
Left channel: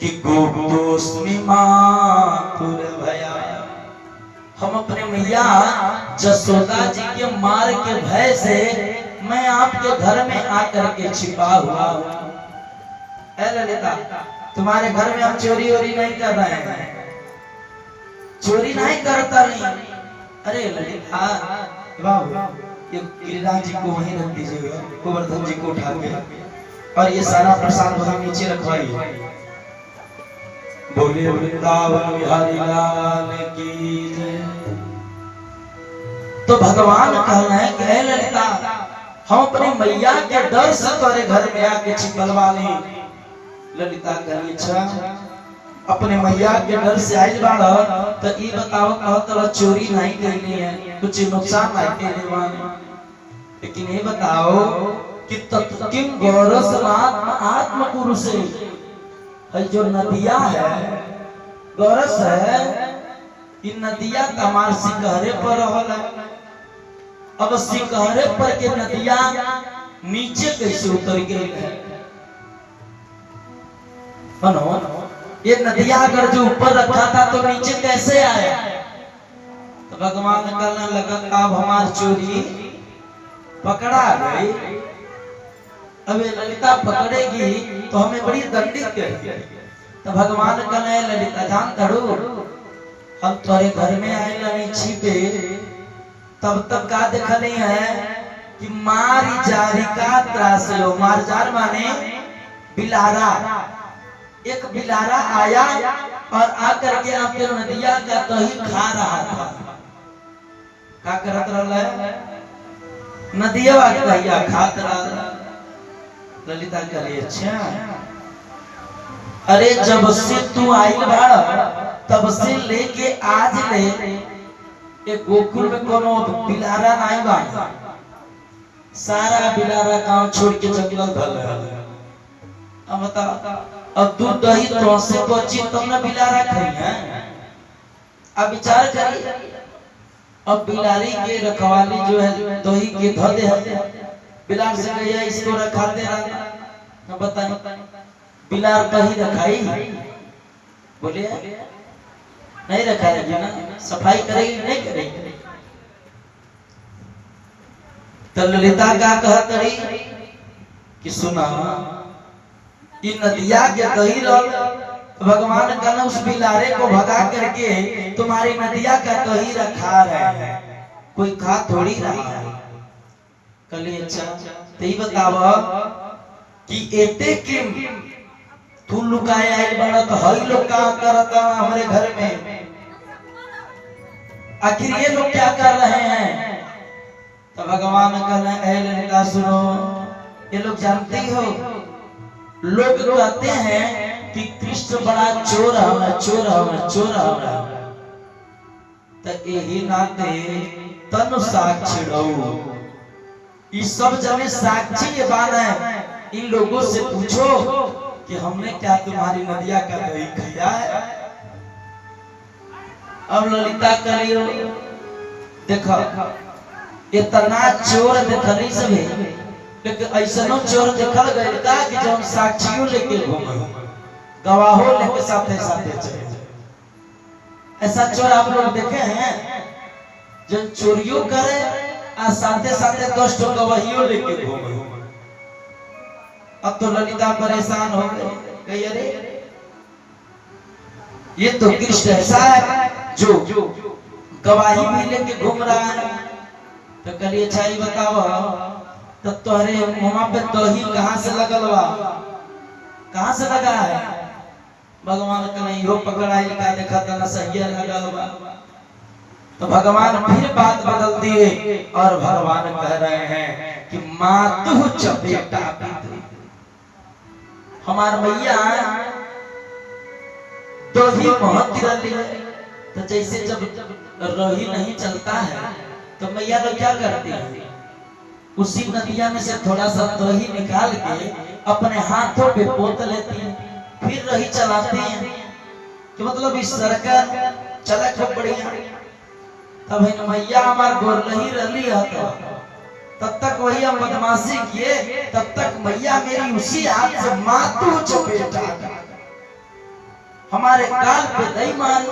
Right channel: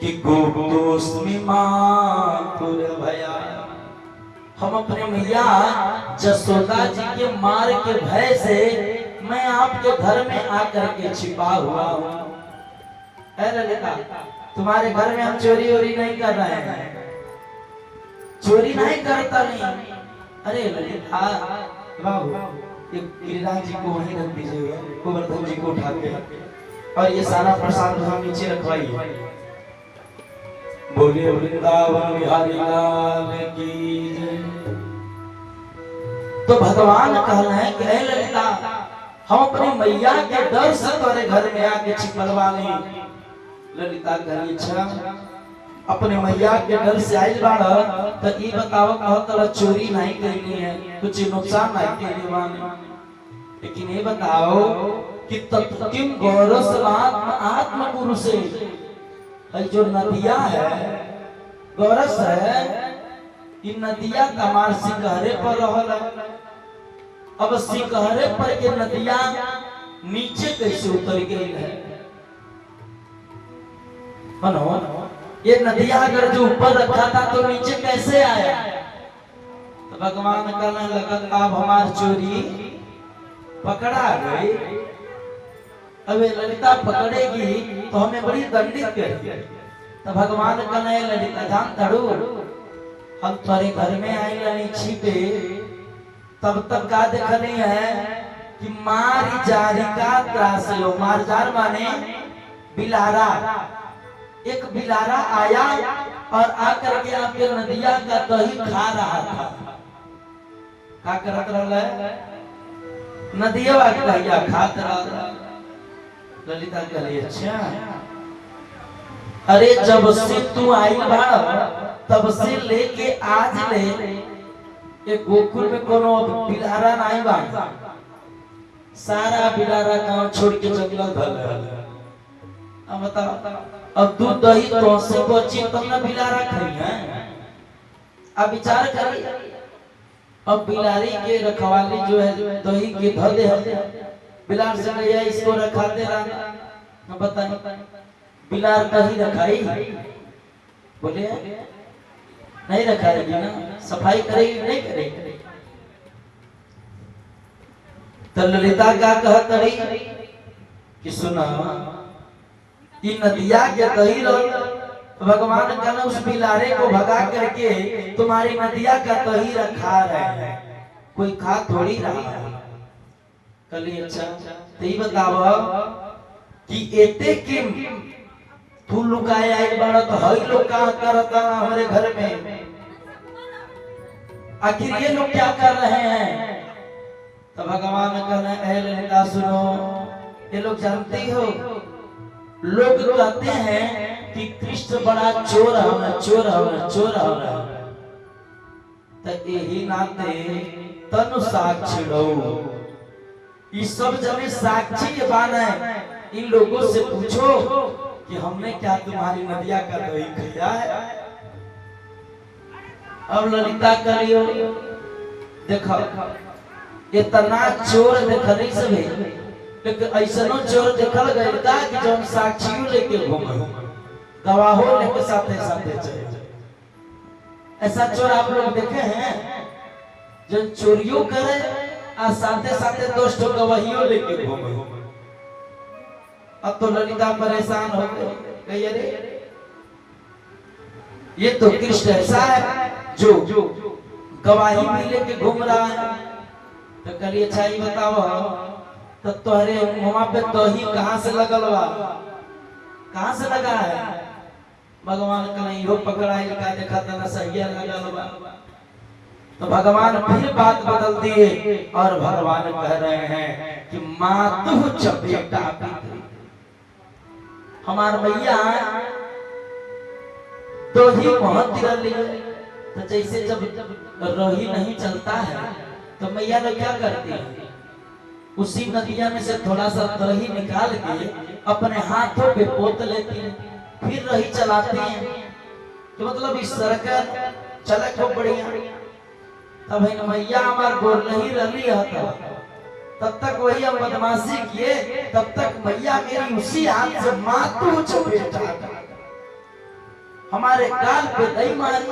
कि गुप्तोऽस्मि मातुर भयात्। हम अपने मैया जसोदा जी के मार के भय से मैं आपके घर में आकर के छिपा हुआ हूँ। ललिता तुम्हारे घर में हम चोरी वोरी नहीं कर रहे हैं, चोरी नहीं करता नहीं। अरे ललिता बाबू ये गिरिराज जी को वहीं रख दीजिएगा, गोवर्धन जी को उठा के, और ये सारा प्रसाद वहां नीचे रखवाइए। बोले वृंदावन बिहारी लाल की जय। तो भगवान कह रहे हैं कि ललिता हम अपनी मैया के डर से तुम्हारे घर में आके छिपलवा नहीं। ललिता कही अच्छा अपने मैया के डर से आई बाड़ा तो ये बताओ कहत चोरी नहीं करनी है, कुछ नुकसान नहीं करने वाले, लेकिन ये बताओ कि तत्किम गौरव आत्म गुरु से जो नदिया है गौरस है, इन नदिया कमार सिकहरे पर रहल। अब सिकहरे पर के नदिया नीचे कैसे उतर गई है? ये नदिया अगर जो ऊपर रखा था तो नीचे कैसे आया? तो भगवान कहने लगा अब हमारी चोरी पकड़ा गई। अब ललिता पकड़ेगी तो हमें बड़ी दंडित करेगी। तो भगवान कहने ललिता जान धड़ू हम तुम्हारे घर में आए लड़ी छिपे तब तक का देखनी है कि मारी जारी का त्रास लो। मार जार माने बिलारा। एक बिलारा आया और आकर के आपके नदिया का दही खा रहा था। क्या करत रहा है? नदिया का दहिया खात रहा। ललिता कहे अच्छा अरे जब से तू आई बा तब से लेके आज ले एक गोकुल में कोनो बिलारा नहीं बा। सारा बिलारा गांव छोड़ के जंगल धल है। अब बता अब दूध दही तो से बची तब ना बिलारा खाई है। अब विचार करी अब बिलारी के रखवाली जो है दही के धदे है बिलार से गया इसको रखाते रहना। बताइए बिलार कहीं रखाई बोलिए नहीं रखा है ना, सफाई करेगी नहीं करेगी। तो ललिता का कहतरी कि सुना इन नदिया के कही भगवान का न उस बिलारे को भगा करके तुम्हारी नदिया का कही रखा रहे, कोई खा थोड़ी रहा है। कली अच्छा तो बताव कि एते किम तू लुकाए आई बड़ा तो हई लोग का करता हमारे घर में, आखिर ये लोग क्या कर रहे हैं। तो भगवान कहले ललिता सुनो, ये लोग जानती हो, लोग कहते हैं कि कृष्ण बड़ा चोर है, चोर है, चोर है। तो यही नाते तनु साक्षी रहो, ये सब जने साक्षी के बान है। इन लोगों से पूछो कि हमने क्या तुम्हारी नदिया का दही खाया है। अब ललिता करियो देखो इतना चोर देखली सभी, लेकिन ऐसनो चोर देखल गए का कि जो साक्षियों लेके घूमे, गवाहों लेके साथे साथे चले। ऐसा चोर आप लोग देखे हैं जो चोरियों करे और साथे साथे 10 गवाहियों लेके घूमे। अब तो ललिता परेशान हो गई, अरे ये तो कृष्ण ऐसा है जो गवाही भी लेके घूम रहा है। तो कलिए अच्छा ही बताओ तो तोहरे मुंह पे दही कहां से लगल बा, कहां से लगा है। भगवान का नहीं हो पकड़ा ही का देखा था सही लगल बा। तो भगवान फिर बात बदल दिए और भगवान कह रहे हैं कि मातु चपेटा हमार मैया दही महत रही। तो जैसे जब रही नहीं चलता है तो मैया लोग क्या करती है, उसी नदिया में से थोड़ा सा दही निकाल के अपने हाथों पे पोत लेती है, फिर रही चलाती है कि मतलब इस सरकार चला खूब बढ़िया। तब मैया हमार गोर नहीं रली है, तब तक वही हम बदमाशी किए, तब तक मैया मेरी उसी हाथ से मातू चपेटा हमारे गाल पे दही मारी।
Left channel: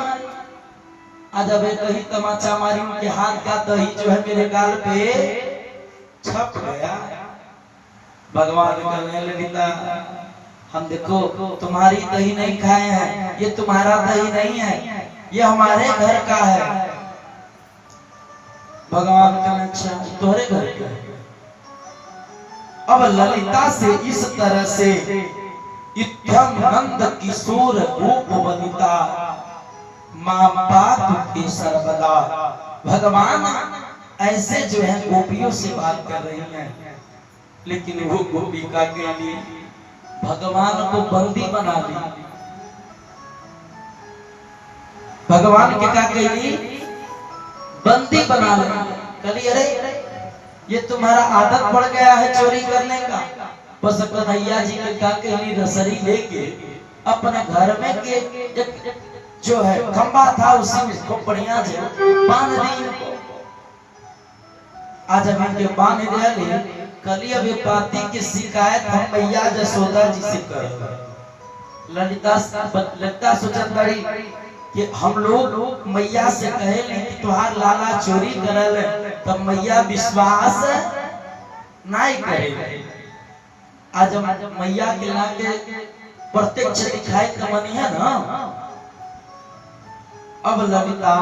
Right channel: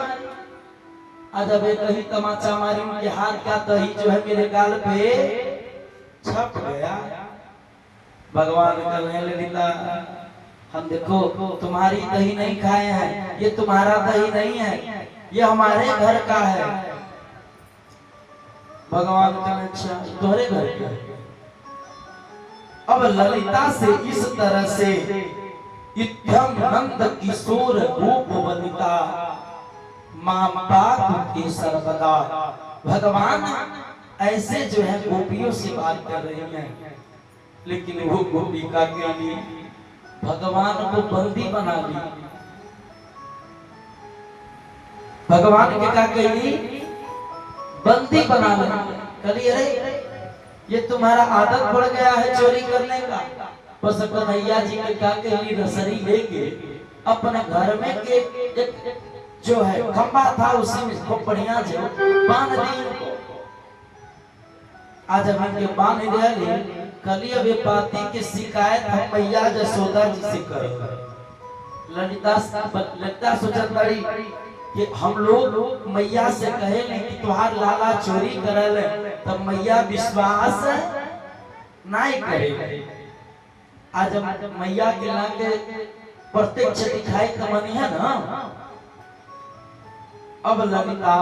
आज अब दही तमाचा मारी, उनके हाथ का दही जो है मेरे गाल पे छप गया। भगवान कहने ललिता हम देखो तुम्हारी दही नहीं खाए हैं, ये तुम्हारा दही नहीं है, ये हमारे घर का है। भगवान कहने अच्छा तुम्हारे घर का है। अब ललिता से इस तरह से इत्थम नंद किशोर रूप वनिता मां बाप के सर्वदा। भगवान ऐसे जो है गोपियों से बात कर रही हैं, लेकिन वो गोपिका के लिए भगवान को बंदी बना ली। भगवान के क्या कही बंदी बना ली। कली अरे ये तुम्हारा आदत पड़ गया है चोरी करने का। बस कन्हैया जी के क्या कही रसरी लेके अपने घर में के जो है खंबा था उसी में खूब बढ़िया से बांध दी। आज हम इनके बांध दिया। कली अब ये पाती की शिकायत हम मैया जसोदा जी से कर। ललिता सोचत रही कि हम लोग मैया से कहे नहीं कि तुम्हार लाला चोरी करल, तब मैया विश्वास नहीं करे। आज हम मैया के लाके प्रत्यक्ष दिखाई कमनी है ना। अब ललिता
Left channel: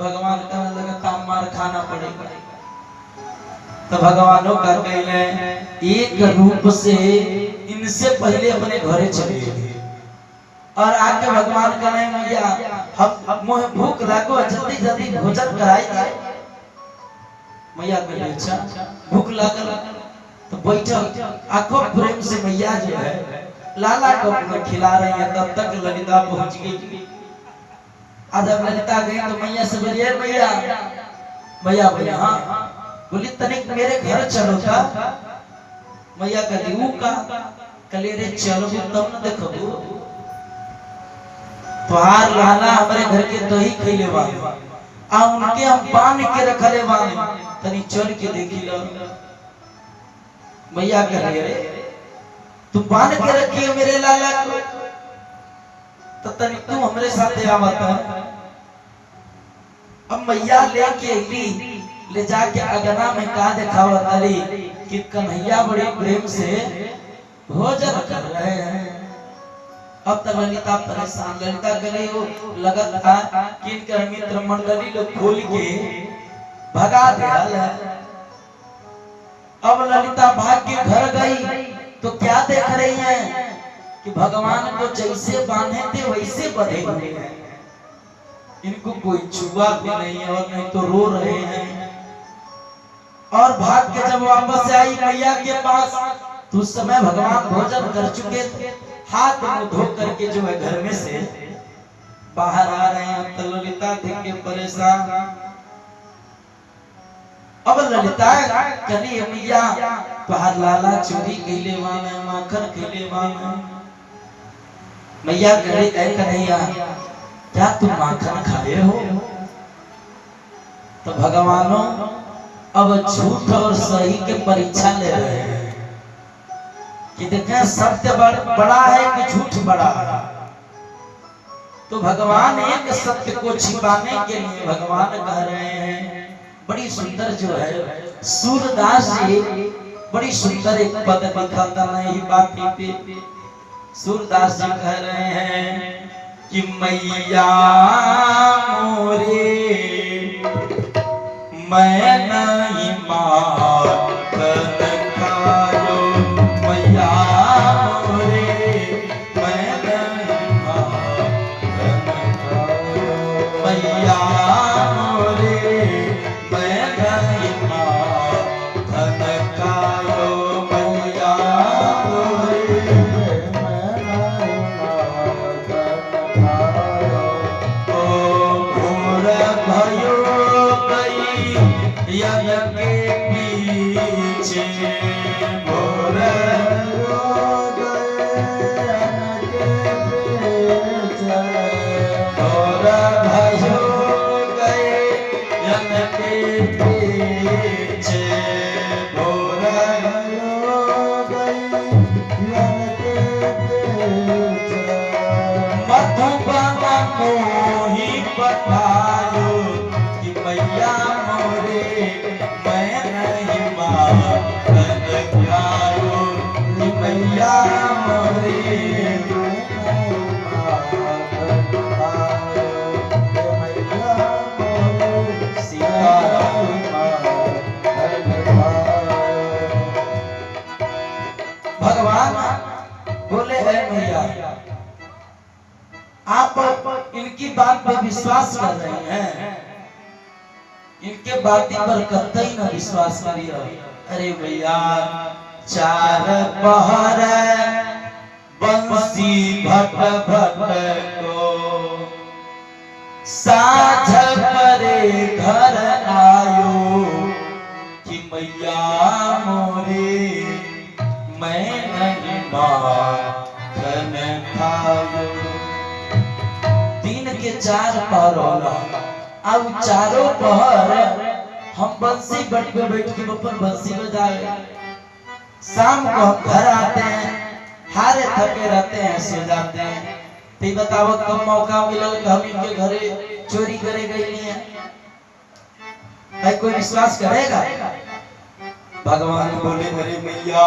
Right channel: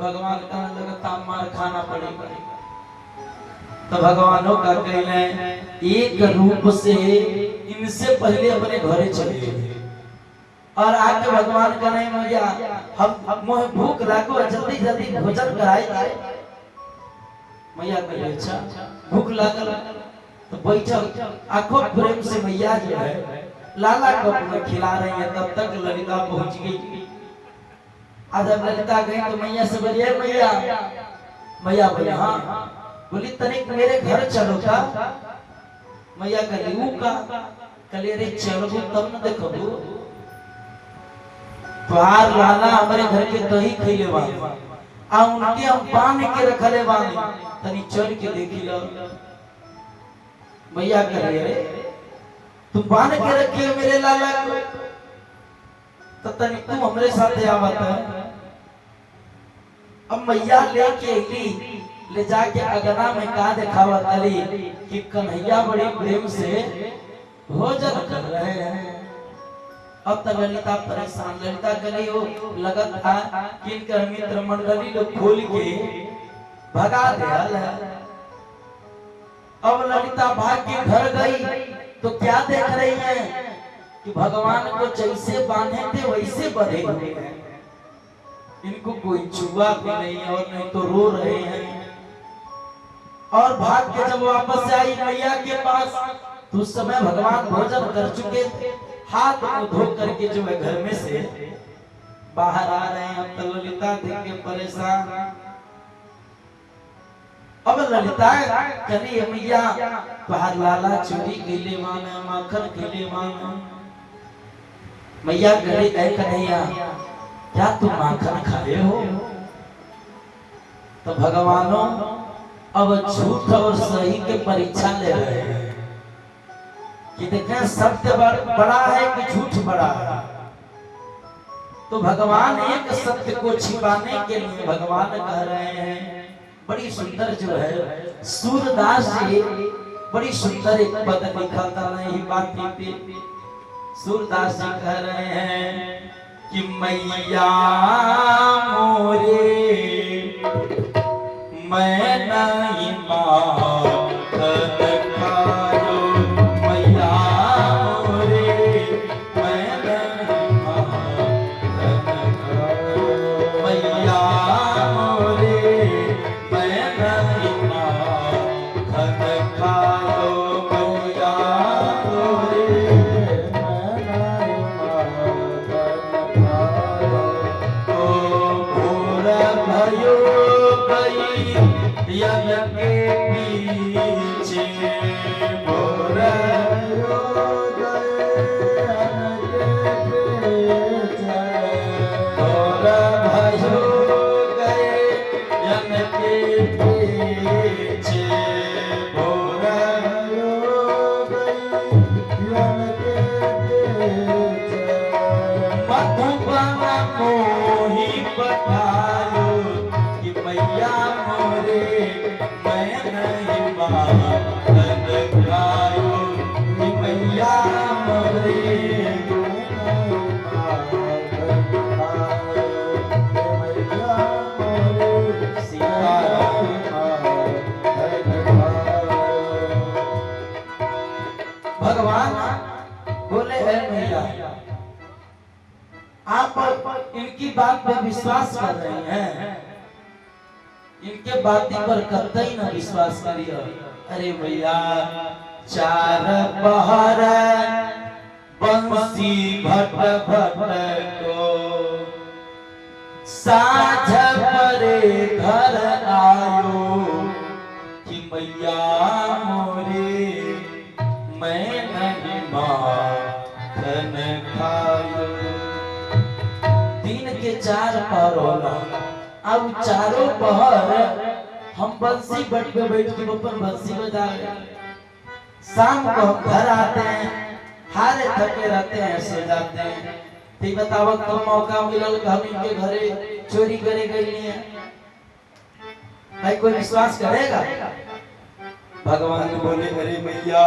भगवान का लगता मार खाना पड़ेगा। तो भगवानों का कहले एक रूप से इनसे पहले अपने घरे चले गए और आके भगवान का नहीं मैया हम मोह भूख लागो जल्दी जल्दी भोजन कराई जाए। मैया कहे अच्छा भूख लागल तो बैठो। आंखों प्रेम से मैया जो है लाला को खिला रही है। तब तक ललिता पहुंच गई। आज अब ललिता गई तो मैया से बोलिए मैया बोले हाँ। बोली तनिक मेरे घर चलो का। मैया कहली ऊ का। कहली रे चलो तब न देखो तुहार लाला हमारे घर के दही खैले बा आ उनके हम बांध के रखले बा, तनी चल के देखी लो। मैया कहली अरे तुम बांध के रखिए मेरे लाला को। तो तनी तू हमरे साथे आवत है। अब मैया लेके अली, ले जाके अगना में का दिखावत अली कि कन्हैया बड़ी प्रेम से भोजन कर रहे हैं। अब तक ललिता परेशान, ललिता करे वो लगत था कि इनके मित्र मंडली लोग खोल के भगा दिया। अब ललिता भाग के घर गई तो क्या देख रही है कि भगवान को जैसे बांधे थे वैसे बंधे हुए हैं, इनको कोई छुआ भी नहीं है और नहीं तो रो रहे हैं। और भाग के जब वापस से आई मैया के पास तो उस समय भगवान भोजन कर चुके थे, हाथ मुंह धो करके जो है घर में से बाहर आ रहे हैं। तो ललिता देख के परेशान। अब ललिता कनी मैया तुहार लाला चोरी कैले माने, माखन कैले माने। मैया करे ऐ कन्हैया क्या तुम माखन खाए हो? तो भगवानों अब झूठ और सही के परीक्षा ले रहे हैं कि देखें सत्य बड़ा है कि झूठ बड़ा है। तो भगवान एक सत्य को छिपाने के लिए भगवान कह रहे हैं, बड़ी सुंदर जो है सूरदास जी बड़ी सुंदर एक पद लिखा था नहीं बाकी पे। सूरदास जी कह रहे हैं कि मैया मोरे मैं नहीं माखन खायो, मैया मोरे मैं नहीं माखन खायो, मैया मोरे मैं नहीं माखन खायो, मैया मोरे मैं नहीं माखन खायो। ओ भोर भयो यज्ञ के पीछे, भोर भोर भयो गए यज्ञ के पीछे, भोर भयो गए यज्ञ के पीछे। मधुबन मोही बतायो कि मैया मोरे मैं नहीं माखन खायो, कि मैया मोरे मैं नहीं माखन खायो, कि मैया मोरे सीताराम माखन खायो। भगवान बोले है मैया आप इनकी बात पे विश्वास कर रही हैं, इनके बाती पर कतई न विश्वास करिए। अरे भैया चार पहर बंसी भट भट को साझ करे घर आयो, कि मैया मोरे मैं नहीं माखन खायो। दिन के चार पहर होला, अब चारों पहर हम बंसी बट पे बैठ के ऊपर बंसी बजा रहे। शाम को हम घर आते हैं, हारे थके रहते हैं, सो जाते हैं। तो बताओ कब मौका मिलल कि हम इनके घरे चोरी करे गई है? कोई विश्वास करेगा? भगवान बोले अरे मैया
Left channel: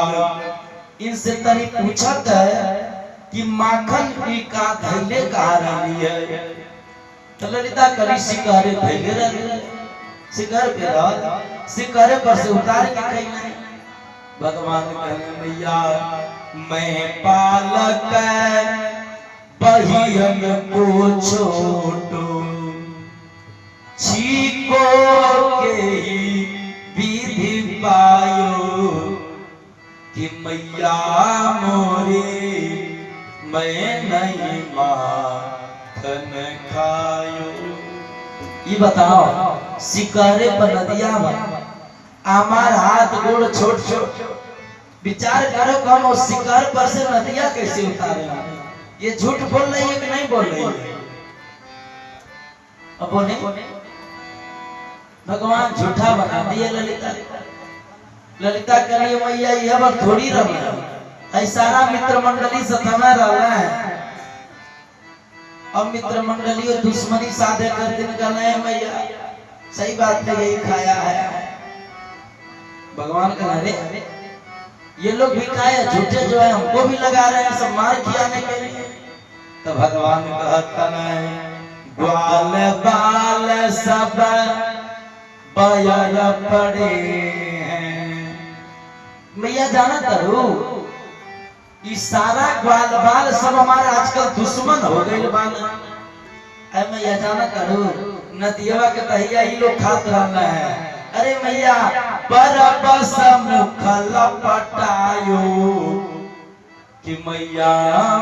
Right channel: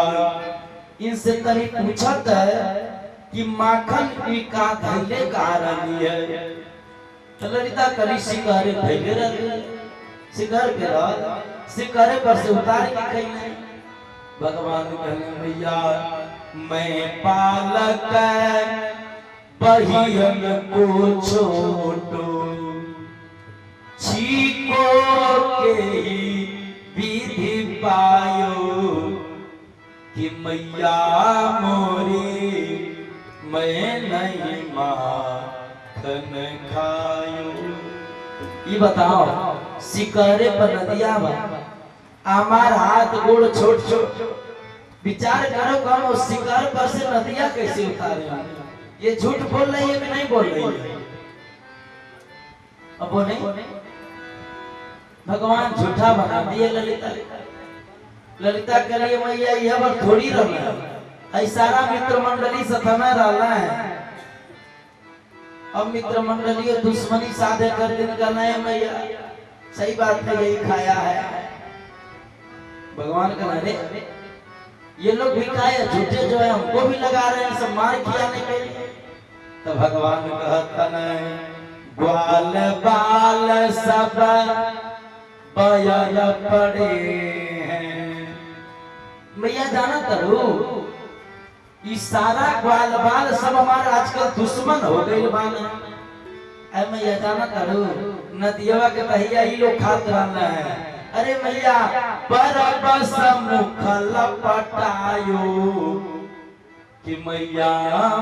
इनसे तनी पूछत है कि माखन की का धैले कहा रही है। तो ललिता करी शिकारे धैले रहे, शिकार पे रह, शिकारे पर से उतार के कहीं नहीं। भगवान कहने मैया मैं पालक बहियन को छोटो, छीको के ही विधि पायो, कि मैया मोरे मैं नहीं माखन खायो। ये बताओ शिकारे पर नदिया हमार हाथ गोड़ छोट छोट, विचार करो कम और शिकार पर से नदिया कैसे उतारे? ये झूठ बोल रही है कि नहीं बोल रही है? अब बोले भगवान झूठा बना दिए ललिता। ललिता करिए मैया यह बार थोड़ी रही, सारा मित्र मंडली से समय रहा है। अब मित्र मंडली और दुश्मनी साधे कर दिन का नया मैया सही बात है, यही खाया है भगवान का नारे। ये लोग भी खाए झूठे जो है हमको भी लगा रहे हैं सब मार खिलाने के लिए। तो भगवान कहता है ग्वाल बाल सब बयर पड़े हैं। मैया जाना करो सारा ग्वाल बाल सब हमारे आजकल दुश्मन हो गए बाना। अरे मैया जाना करो नदिया के तहिया ही लोग खात रहना है। अरे मैया पर बस मुख लपटायो कि मैया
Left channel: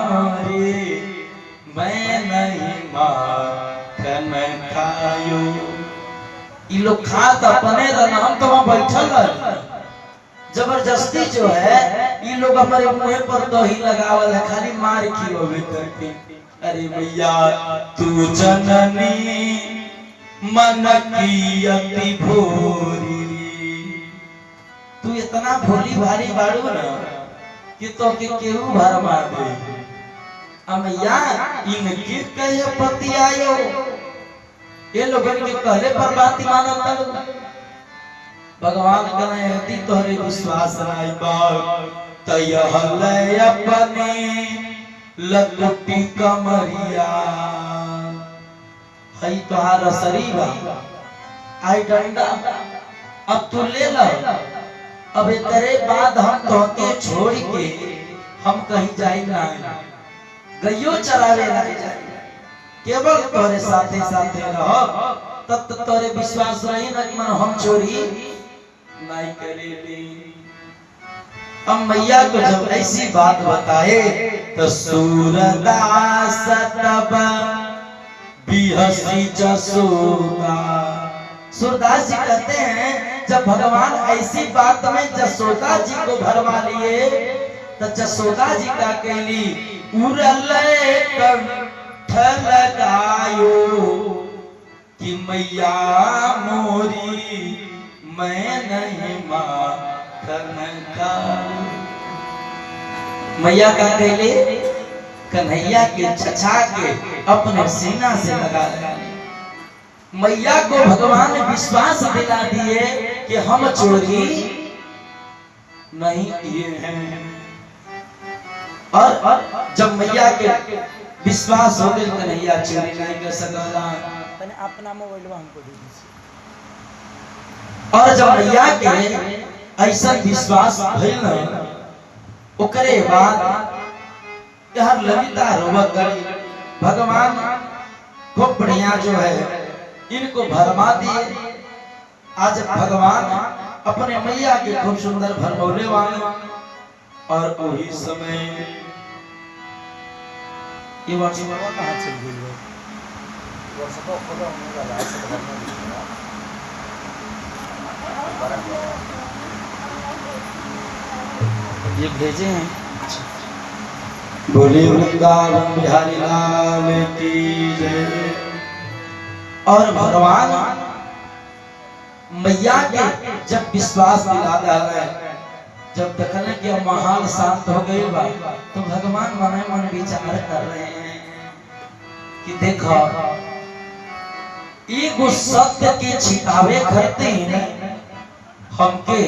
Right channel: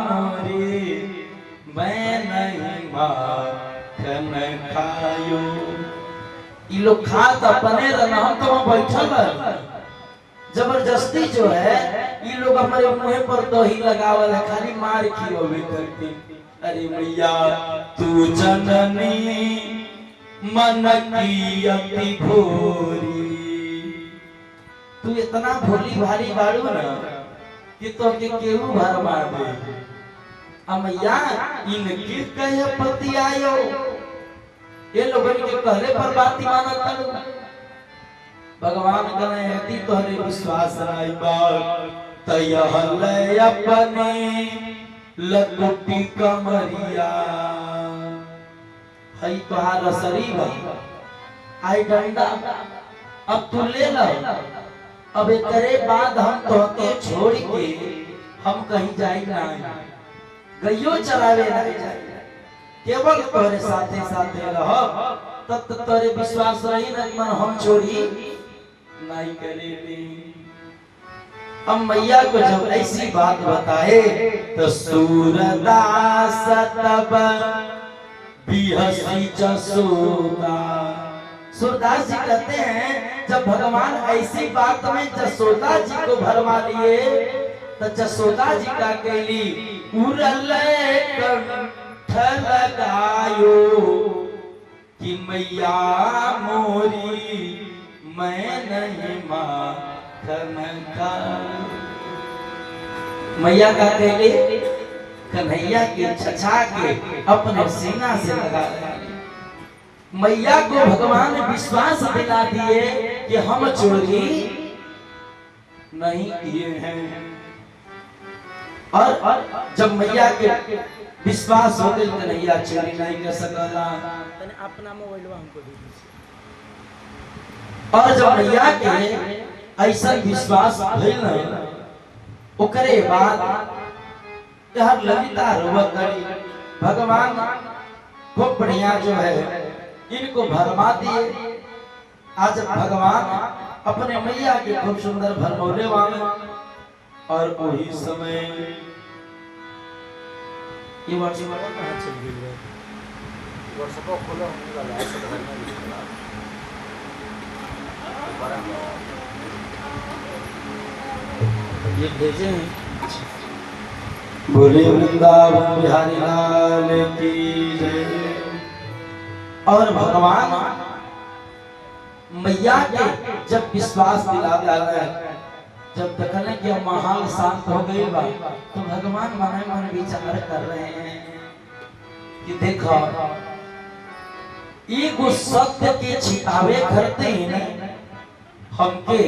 मोरी मैं नहीं माखन खायो। ये लोग खात अपने रहना, हम तो वहां बैठल है जबरदस्ती जो है ये लोग हमारे मुंह पर दही लगावल है, खाली मार खियोवे करते। अरे मैया तू जननी मन की अति भोरी, तू इतना भोली भारी बाड़ू ना कि तो के केहू भर मार दे। मैया इनके कहे पति आयो, ये लोगन के कहले पर बात मानत। भगवान कहे तोहरे विश्वास राई तय अपने लकुटी कमरिया है तोहार शरीर आई डंडा अब तू ले लो। अब करे बाद हम तोके छोड़ के हम कहीं जाई ना, गइयो चरावे ना जाए, केवल तोरे साथे साथे रहो तब तो तोरे विश्वास रही ना कि मन हम चोरी नहीं करेली। अब मैया को जब ऐसी बात बताए तो सूरदास तब बिहसी जसोदा। सूरदास जी कहते हैं जब भगवान ऐसी बात में जसोदा जी को भरमा लिए तो जसोदा जी का कहली उरले कंठ लगायो कि मैया मोरी मैं नहीं माखन खाऊं। मैया का कहले कन्हैया के छछा के अपने सीना से लगा रहे। मैया को भगवान विश्वास दिला दिए कि हम चोरी नहीं किए हैं। और जब मैया के विश्वास हो गए कन्हैया चोरी नहीं कर सकता। अपना मोबाइल हमको दे दीजिए। और जब मैया के ऐसा विश्वास भइल न ओकरे बाद यह ललिता रोवत गई। भगवान खूब बढ़िया जो है इनको भरमा दिए। आज भगवान अपने मैया के खूब सुंदर भरमौले वाले। और वही समय ये वर्षा कहाँ चल गई है? वर्षा को खोलो होने वाला है सब भरना है। ये भेजे हैं। बोले वृंदावन बिहारी लाल की जय। और भगवान मैया के जब विश्वास दिला रहे, जब देखने कि माहौल शांत हो गई बा तो भगवान मन मन विचार कर रहे हैं कि देखो एगो सत्य के छिपावे करते हैं हमके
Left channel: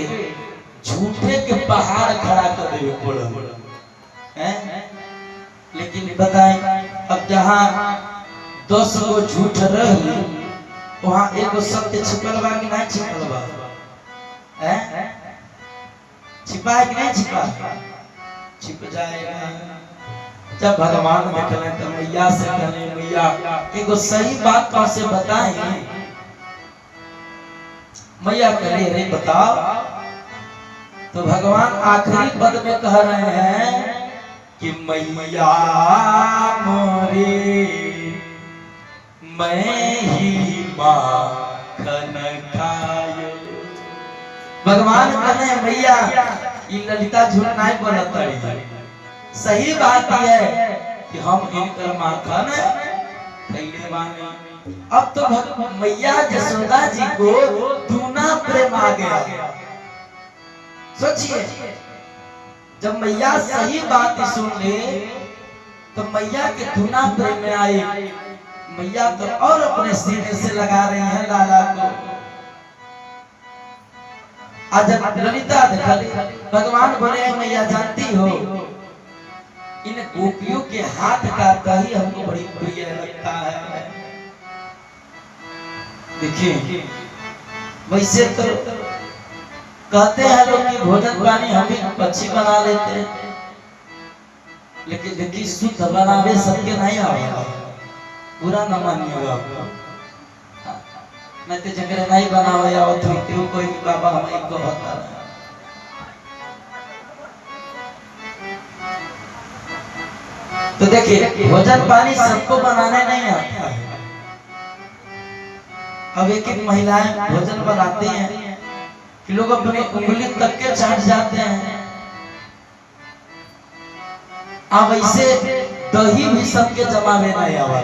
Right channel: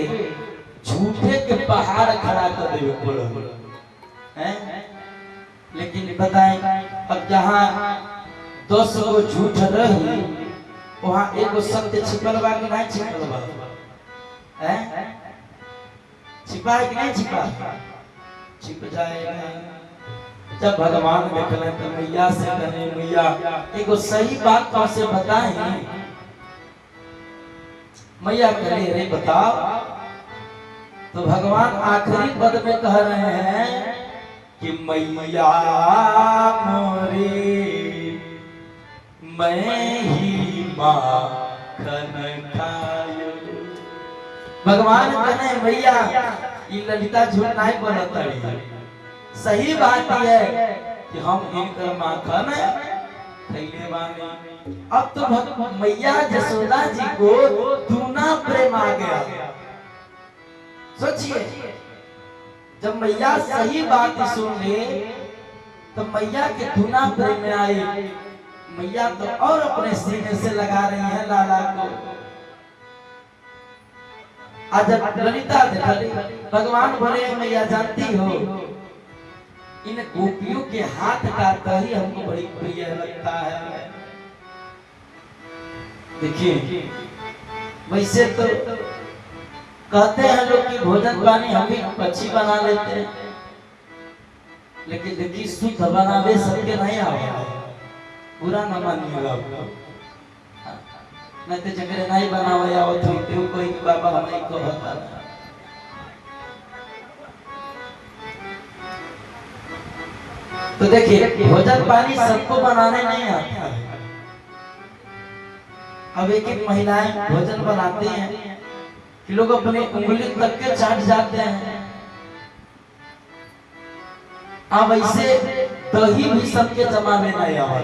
झूठे के पहाड़ खड़ा कर दे पड़ो हैं। लेकिन बताएं अब जहां 10 गो झूठ रही वहां एगो सत्य छिपल बा कि नहीं छिपल बा? हैं छिपा है कि नहीं छिपा? छिप जाएगा। जब भगवान देखले तो मैया से कहने मैया एगो सही बात कैसे बताएं? मैया कहले अरे बताओ। तो भगवान आखिरी पद में कह रहे हैं कि मैया मोरी मैं ही माखन खायो। भगवान कहने मैया ये ललिता झूठ नहीं बोलत है। सही बात है कि हम इनकर माखन खैले बानी। अब तो मैया जसोदा जी को दूना प्रेम आ गया। सोचिए जब मैया सही बात सुन ले तो मैया के धुना प्रेम में आई। मैया तो और अपने सीने से लगा रही हैं लाला को। आज ललिता देखली भगवान बोले मैया जानती हो इन गोपियों के हाथ का दही हमको बड़ी प्रिय लगता है। देखिए वैसे तो कहते हैं लोग कि भोजन पानी हम भी अच्छी बना लेते हैं, लेकिन देखिए शुद्ध बनावे सबके नहीं आवेगा, बुरा न मानिएगा आपको। नहीं तो जगह नहीं बनावे आवत हुई कोई बाबा हमें को बता। तो देखिए भोजन पानी सबको बनाने नहीं आता है। अब एक एक महिलाएं भोजन बनाती हैं कि लोग अपनी उंगली तक के चाट जाते हैं। अब ऐसे दही भी सबके जमा में नहीं आवा।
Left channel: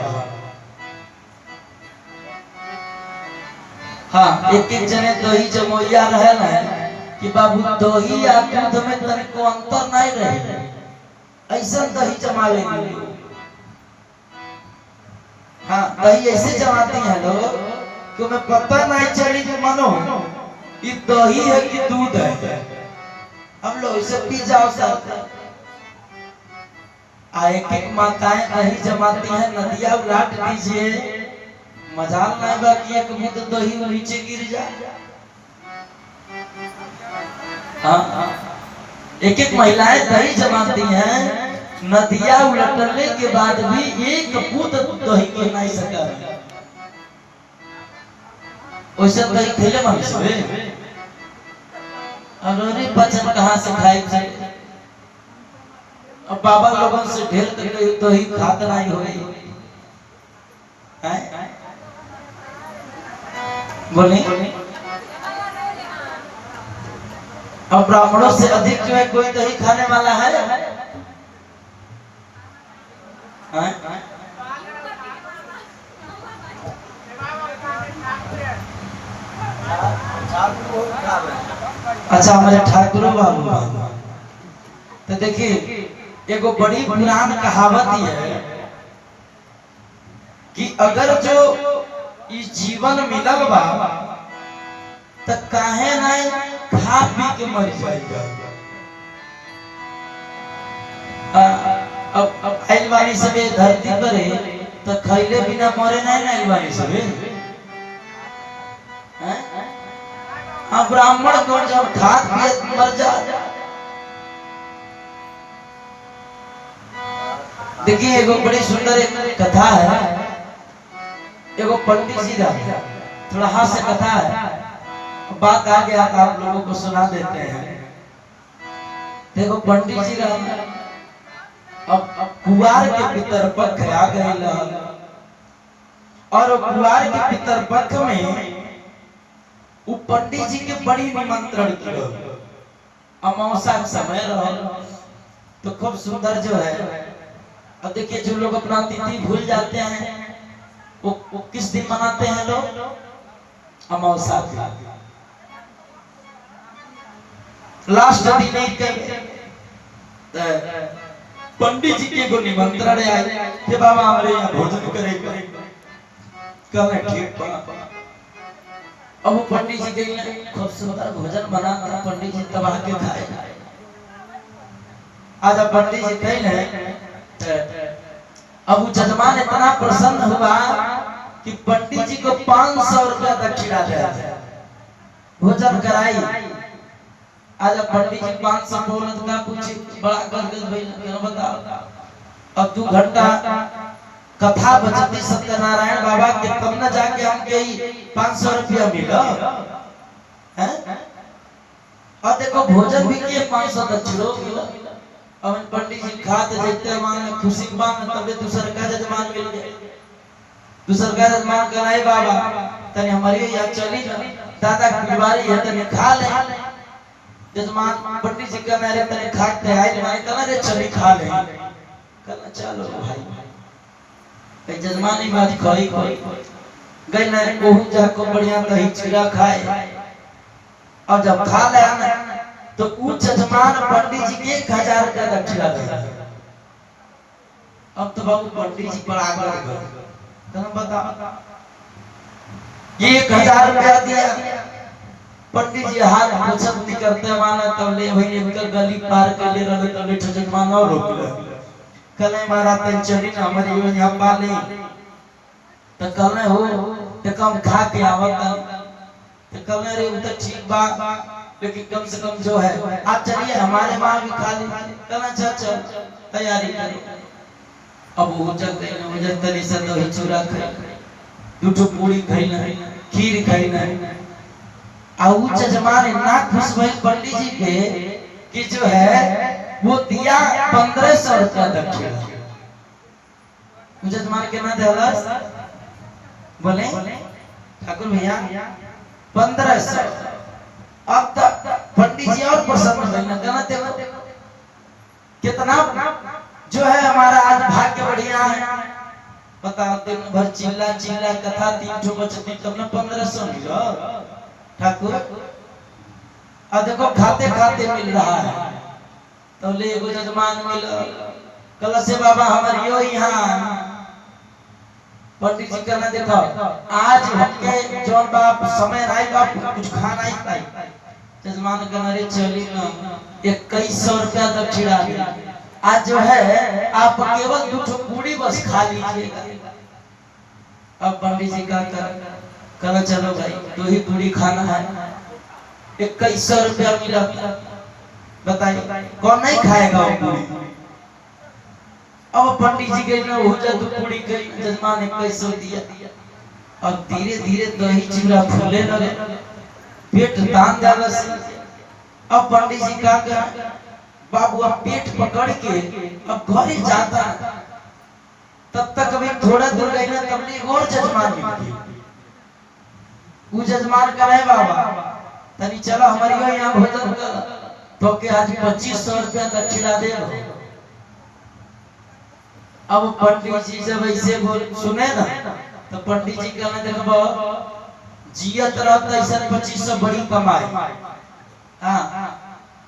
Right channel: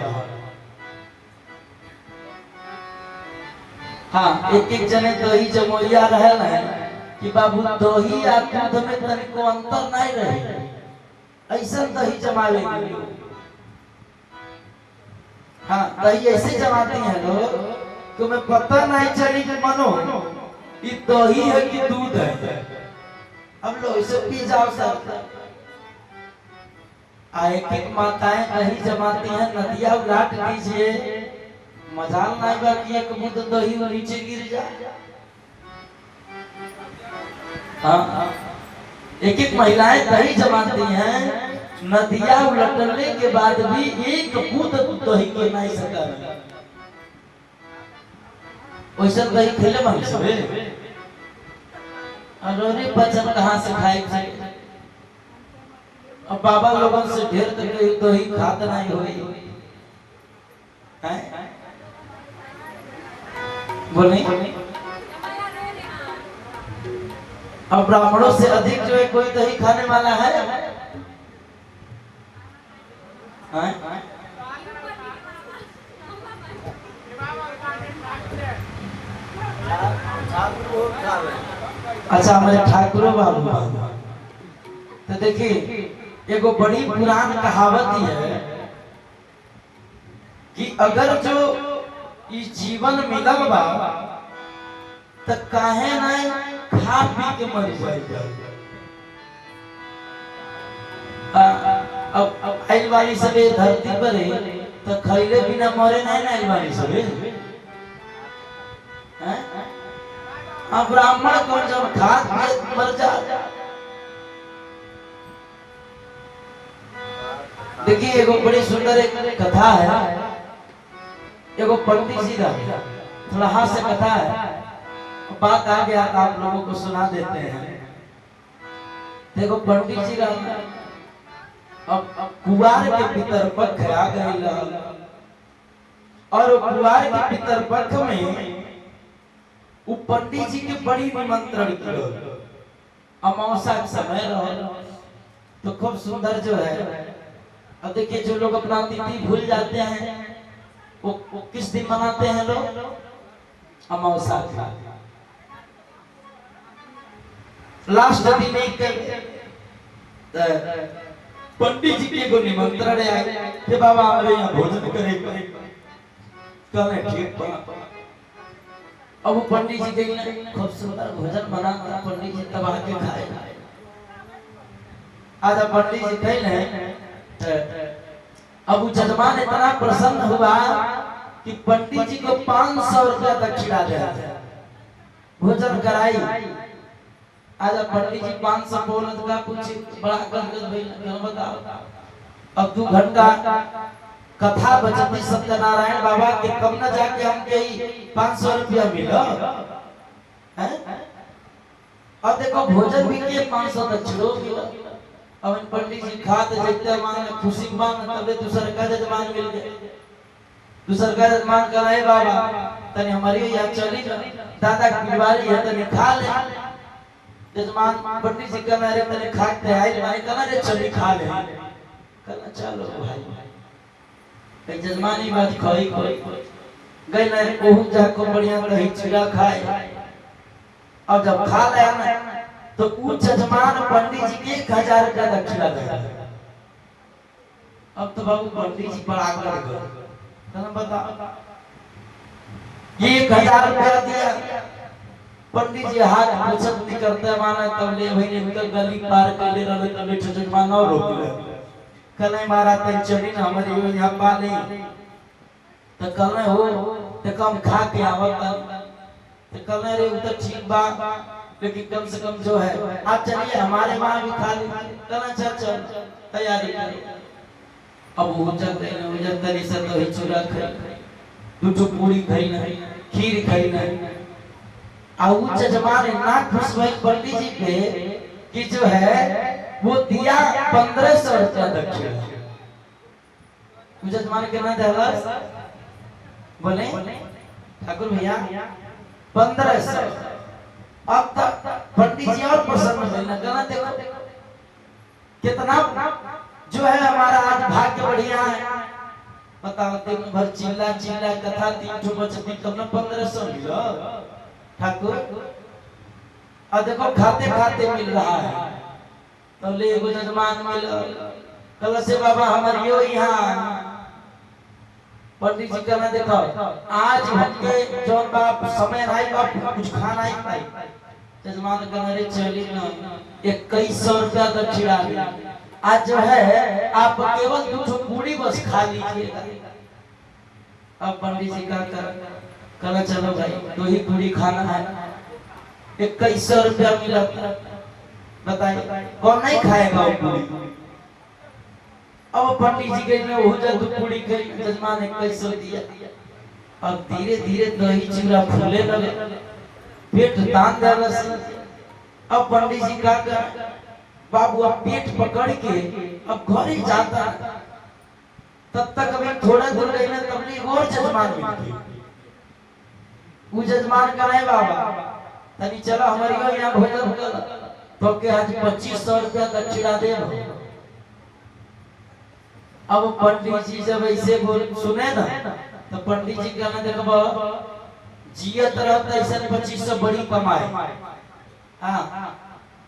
हाँ एक एक जने दही जमोइया रहे ना कि बाबू दही या दूध में तनिको अंतर नहीं रहे, ऐसा दही जमावे नहीं। हाँ दही ऐसे जमाते हैं लोग कि उन्हें पता नहीं चली कि मानो ये दही है कि दूध है। अब लोग इसे पी जाओ सर। एक एक माताएं दही जमाती हैं, नदिया उलाट दीजिए, मजाल नहीं बाकी एक बूंद दही नीचे गिर जाए। हाँ एक एक महिलाएं दही जमाती हैं, नदिया उलटने के बाद भी एक बूंद दही को नहीं सका। वैसे दही खेले मन से अरोरी बचन कहाँ से खाए थे। अब बाबा लोगों से ढेर तक दही खाते नहीं हो गई है। बोले अब ब्राह्मणों से अधिक जो है कोई दही खाने वाला है? अच्छा हमारे ठाकुर बाबू। तो देखिए एगो बड़ी पुरान कहावत है कि अगर जो इस जीवन मिलल बा तो काहे नहीं खा पी के मर जाएगा। अब आइल वाली सबे धरती पर तो खैले बिना मरे नहीं ना आइल वाली सबे। हाँ ब्राह्मण को जब खाद पिए मर जा। देखिए एगो बड़ी सुंदर एक कथा है। एगो पंडित जी का थोड़ा हास्य कथा है, बात आ गया आप लोगों को सुना देते हैं। देखो पंडित जी का अब कुवार के पितरपक्ष आ गए और कुवार के पितरपक्ष में वो पंडित जी के बड़ी निमंत्रण की अमावस्या का समय रहा तो खूब सुंदर जो है। अब देखिए जो लोग अपना तिथि भूल जाते हैं वो किस दिन मनाते हैं लोग? अमावस्या लास्ट दिन एक पंडित जी के को निमंत्रण आए कि बाबा हमारे यहाँ भोजन करेगा। कहे ठीक बा। अब वो पंडित जी के खूब सुंदर भोजन बना पंडित जी तबाह के खाए। आज पंडित जी कहे अब वो जजमान इतना प्रसन्न हुआ कि पंडित जी को 500 रुपया दक्षिणा दिया, भोजन कराई। आज पंडित जी 500 बोलत का कुछ बड़ा गदगद बताओ। अब 2 घंटा कथा बचती सत्यनारायण बाबा के कब न जाके हमके 500 रुपया मिला है। और देखो भोजन भी के 500 दक्षिणा मिला। अब पंडित जी खाते देखते मांग खुशी मांग तबे दूसर का जजमान मिल गए। दूसर का जजमान कराए बाबा तने हमारी या चली दादा की बीमारी है तने खा ले। जजमान पंडित जी का मेरे तने खाते आई माने कहा रे चली खा ले। कहना चलो भाई भाई जजमान ही बात खोई गई ना कोहू जा को बढ़िया दही चिड़ा खाए। और जब खा ले ना तो उच्च जजमान पंडित जी के 1000 का दक्षिणा दे। अब तो बाबू पंडित जी पर आग लग गए, कहना बता 1000 रुपया दिया, पंडित जी हाथ पोछत नहीं करते माना तब ले भाई इनका गली पार कर ले रहे तब ले छजक माना और रोक ले कले मारा तन चली ना हमारी यो यहाँ पाले तो कले हो तो कम खा के आवत तो कले रे उधर ठीक बा लेकिन कम से कम जो है आज चलिए हमारे वहां भी खा ले कहना चल तैयारी करो। अब वो जग गए ना वो जग तरी से तो चूरा खाई दूठो पूरी खाई ना खीर खाई ना आउ जजमान इतना खुश हुए पंडित जी पे कि जो है वो दिया 1500 रुपया दक्षिणा। जजमान कितना दिया बोले ठाकुर भैया 1500। अब तक पंडित जी और प्रसन्न हुए ना कहना देखो कितना जो है हमारा आज भाग्य बढ़िया है। बता दिन भर चिल्ला चिल्ला कथा 3 ठो बचती तब ना 1500 मिला ठाकुर। अब देखो खाते खाते मिल रहा है तो ले एगो जजमान मिल कल से बाबा हमार यो यहाँ पंडित जी कहना देखो आज हमके जो बाप समय रही बाप कुछ खाना ही पाई जजमान कहना रे चली ना 2100 रुपया दक्षिणा आज जो है आप केवल 2 ठो पूरी बस खा लीजिएगा। अब पंडित जी का कहना चलो भाई 2 ही पूरी खाना है 2100 रुपया मिला बताइए कौन नहीं खाएगा वो पूरी। अब पंडित जी के हो जा 2 पूरी खाई जजमान 2100 दिया। अब धीरे धीरे दही चूड़ा फूले लगे पेट तान जाना से। अब पंडित जी का बाबू अब पेट पकड़ के अब घर ही जाता तब तक अभी थोड़ा दूर गई ना तब और जजमान मिल गई। वो जजमान का नहीं बाबा तनी चलो हमारी यहाँ भोजन कर तो के आज 2500 रुपया दक्षिणा दे। अब पंडित जी जब ऐसे बोल सुने ना तो पंडित जी कहने देखो जियत रहता ऐसा 2500 बड़ी कमाई। हाँ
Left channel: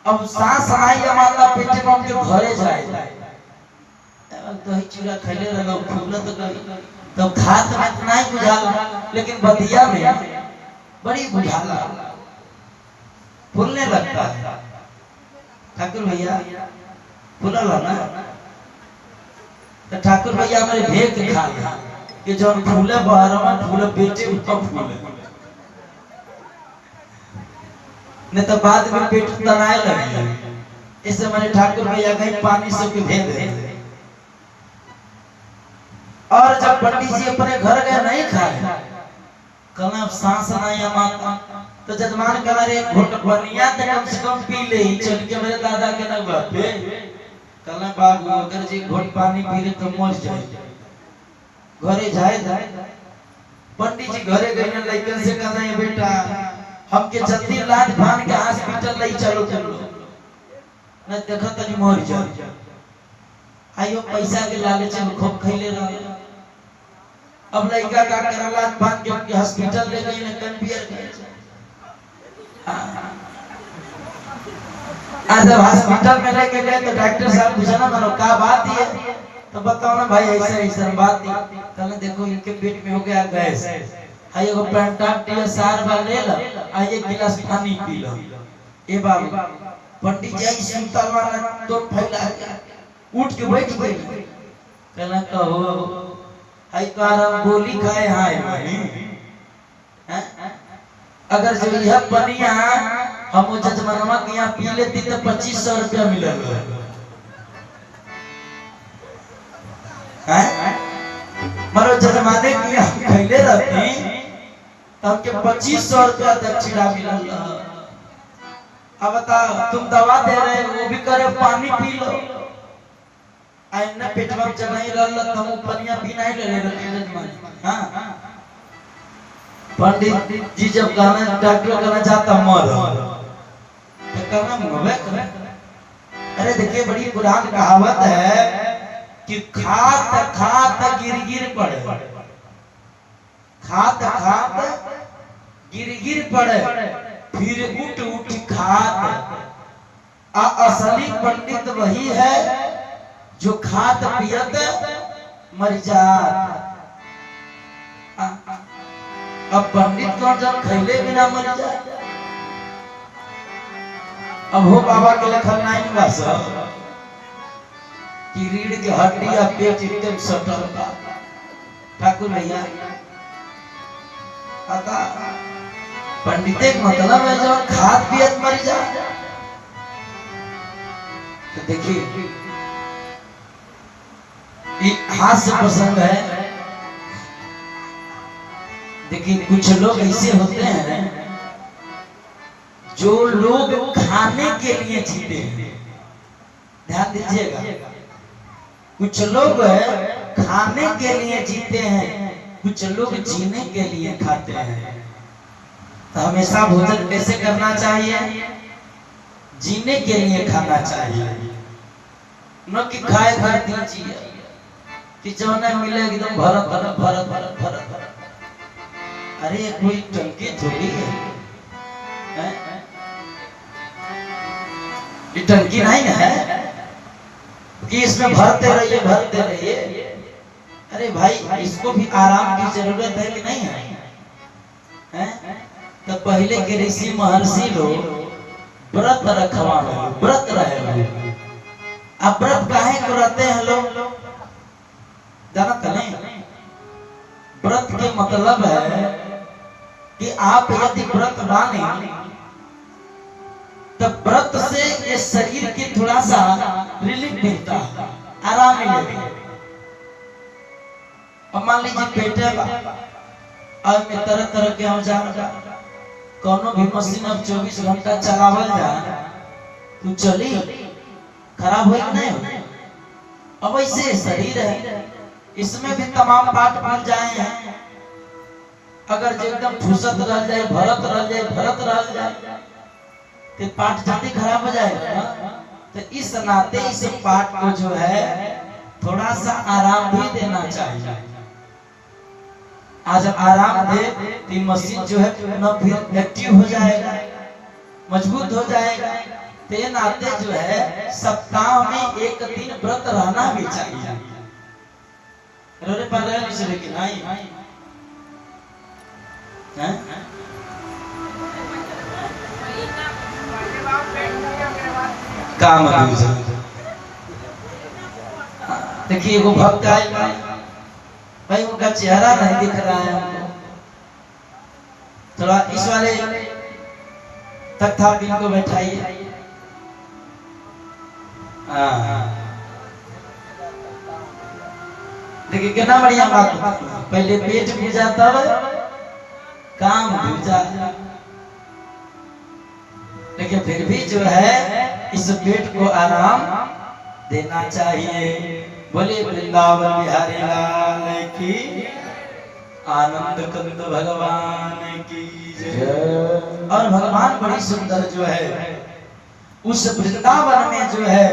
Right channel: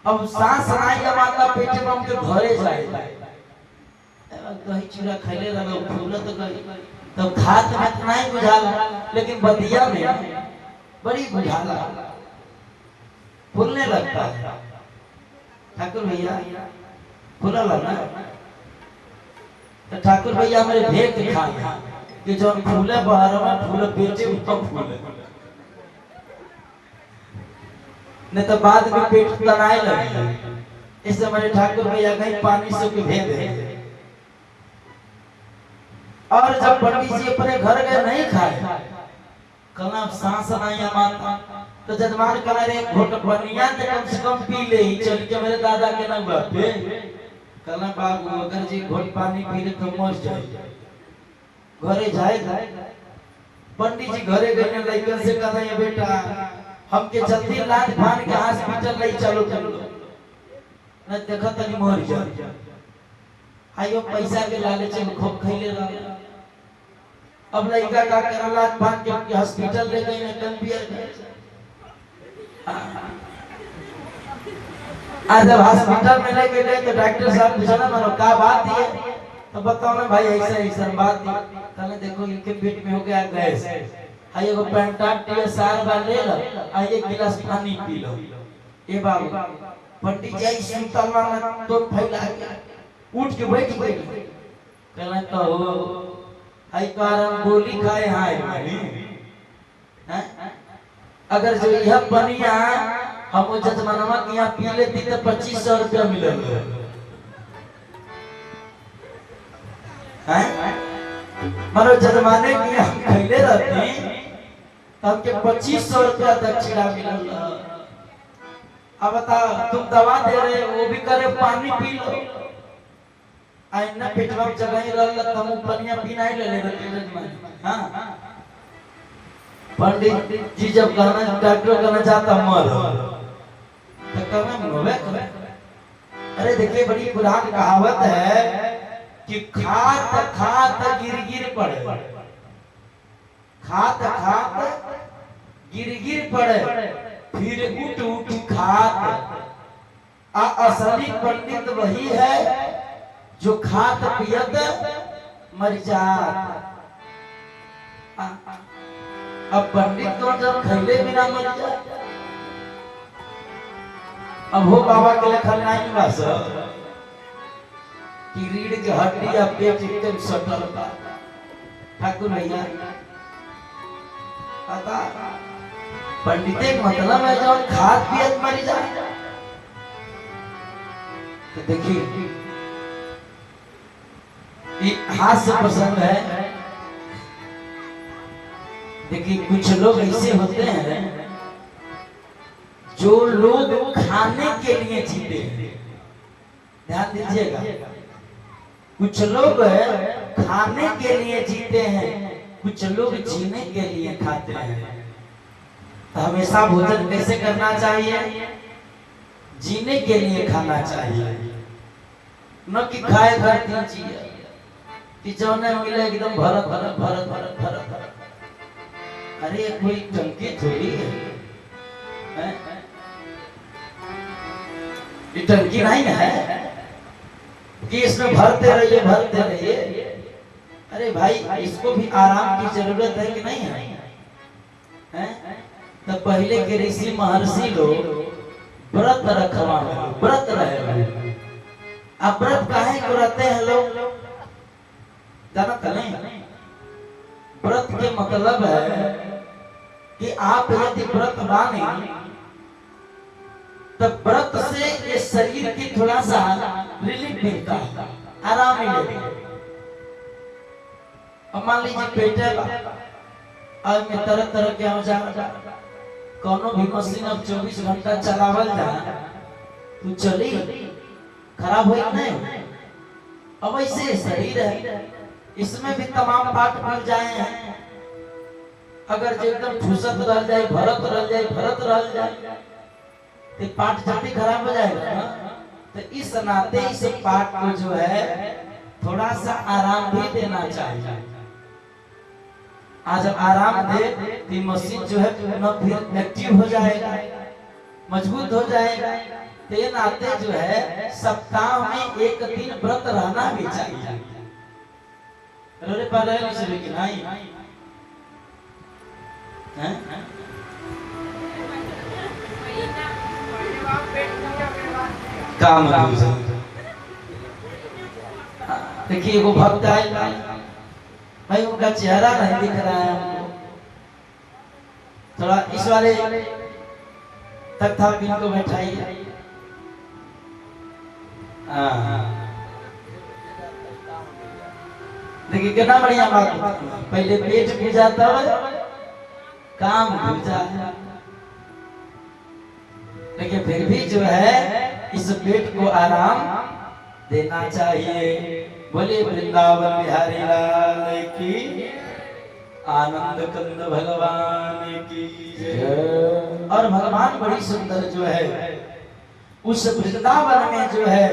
अब सांस आई हमारा पेट में हम के घरे जाए दही चूड़ा खैले रहो फूलत गई तो खात में नहीं बुझाला लेकिन बदिया में बड़ी बुझाला फूलने लगता है। ठाकुर भैया फूला ना तो ठाकुर भैया हमारे भेद के खा कि जो फूले बाहर में फूले बेचे उत्तम फूले नहीं तो बाद में पेट तनाए लगे। इससे हमारे ठाकुर भैया कहीं पानी से भी भेद है। और जब पंडित जी अपने घर गए नहीं खाए कल सांस नहीं माता तो जजमान कहा रे घोट बनिया तो कम से कम पी ले चल के मेरे दादा के ना पे कल बाबू अगर जी घोट पानी पी ले तो मर जाए घरे जाए। पंडित जी घरे गए ना लड़कन से कहना है बेटा हमके जल्दी लाद भान के हॉस्पिटल ले चलो न देखा तनी मर जाए। आयो पैसा के लालच में खूब खैले रह। अब लड़का का करला भान के हॉस्पिटल ले गई ना कन्वियर आज जब हॉस्पिटल में लेके गए तो डॉक्टर साहब पूछा ना मानो क्या बात है तो बताओ ना भाई ऐसा ऐसा बात है। कहने देखो इनके पेट में हो गया गैस हाय एगो पेंटाटिया सार बा ले लो आ 1 गिलास पानी पी लो। ए बाबू पंडित जी सुतल वाला तो फैला उठ के बैठ गए कहना कहो हाय कारम गोली खाए हाय हैं अगर जो यह पनिया हम जजमानवा के यहाँ पी लेती तो 2500 रुपया मिलेगा हैं मारो जजमाने की हम खैले रहती तब के 2500 रुपया दक्षिणा मिलेगा। अब बता तुम दवा दे रहे वो भी करे पानी पी लो आइना पेटवा में जगह ही रहल तुम पनिया पीना ही ले जजमान। हां पंडित जी जब कहना डॉक्टर कहना चाहता मर तो कहना मवे अरे देखिए बड़ी पुरानी कहावत है कि खात खात गिर गिर पड़े खात खात गिर गिर पड़े फिर उठ उठ खात असली पंडित वही है जो खात पियत मर जात। अब पंडित कौन जब खैले बिना मर जाए। अब हो बाबा के लेखन नहीं बस कि रीढ़ के हड्डी या पेट एकदम सटल बा। ठाकुर भैया पता पंडिते का मतलब है जब खाद पियत मर जाए। तो देखिए ये हास्य प्रसंग है। देखिए कुछ लोग ऐसे होते हैं जो लोग खाने के लिए जीते हैं। ध्यान दीजिएगा, कुछ लोग खाने के लिए जीते हैं, कुछ लोग जीने के लिए खाते हैं। तो हमेशा भोजन कैसे करना चाहिए? जीने के लिए खाना चाहिए, न कि खाए घर दीजिए कि जो न मिले एकदम भरत भरत भरत भरत भरत भरत। अरे कोई टंकी थोड़ी है, ये टंकी नहीं है कि इसमें भरते रहिए भरते रहिए। अरे भाई इसको भी आराम की जरूरत है कि नहीं है, हैं? तो पहले के ऋषि महर्षि लोग व्रत रखवा व्रत रहे। अब व्रत काहे को रहते हैं लोग जानते नहीं? व्रत के मतलब है कि आप यदि व्रत माने तब व्रत से ये शरीर की थोड़ा सा रिलीफ मिलता है, आराम मिलेगा। अब मान लीजिए पेटे अब में तरह तरह के औजार कोनो भी मशीन अब 24 घंटा चलावल जा तो चली खराब हो नहीं। अब ऐसे शरीर है, इसमें भी तमाम पार्ट मिल जाए हैं। अगर जो एकदम फुसत रह जाए भरत रह जाए भरत रह जाए तो पार्ट जल्दी खराब हो जाएगा ना। तो इस नाते इस पार्ट को जो है थोड़ा सा आराम भी देना चाहिए। आज आराम दे तो मशीन जो है पुनः फिर एक्टिव हो जाएगा, मजबूत हो जाएगा। तो ये नाते जो है सप्ताह में एक दिन व्रत रहना भी चाहिए। रोरे पर रहे कि नहीं हैं? काम देखिए वो भक्त आए भाई, उनका चेहरा नहीं दिख रहा है हमको। थोड़ा इस वाले तख्ता भी को बैठाइए। देखिए कितना बढ़िया बात। पहले पेट पूजा तब काम पूजा, लेकिन फिर भी जो है इस पेट को आराम देना चाहिए। बोले वृंदावन बिहारी लाल की, आनंद कंद भगवान की जय। और भगवान बड़ी सुंदर जो है उस वृंदावन में जो है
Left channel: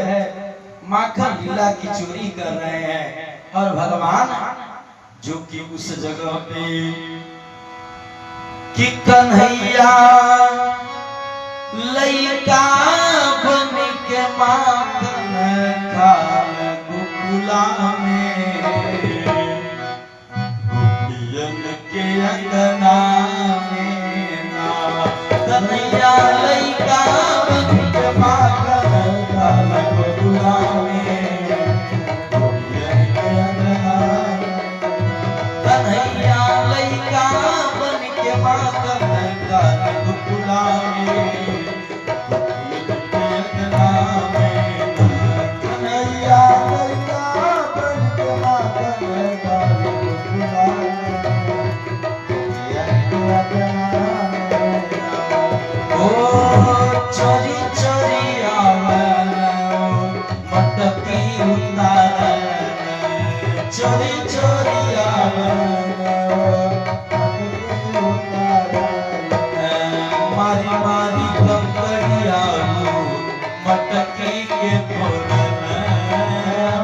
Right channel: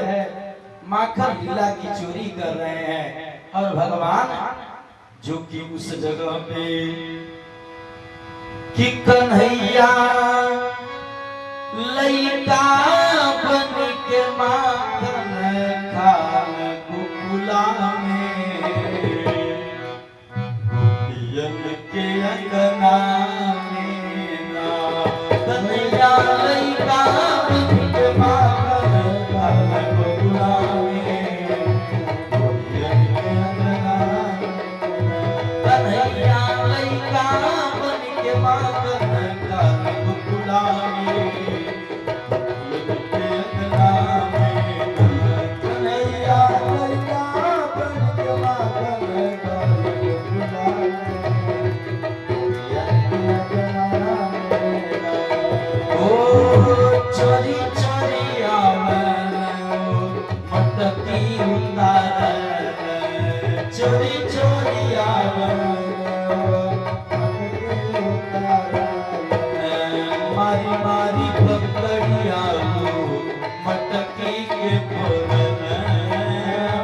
माखन लीला की चोरी कर रहे हैं। और भगवान जो कि उस जगह पे कि कन्हैया लइका बन के माखन खान गोकुला में, गोपियन के अंगना में ना। कन्हैया लइका बन के माखन खान गोकुला में, गोपियन के अंगना में। कन्हैया लइका बन के माखन खान गोकुला में, चोरी चोरी आवन मटकी उतार, चोरी चोरी आवन मटकी उतार। मारी मारी पकड़िया मटकी के फोरन,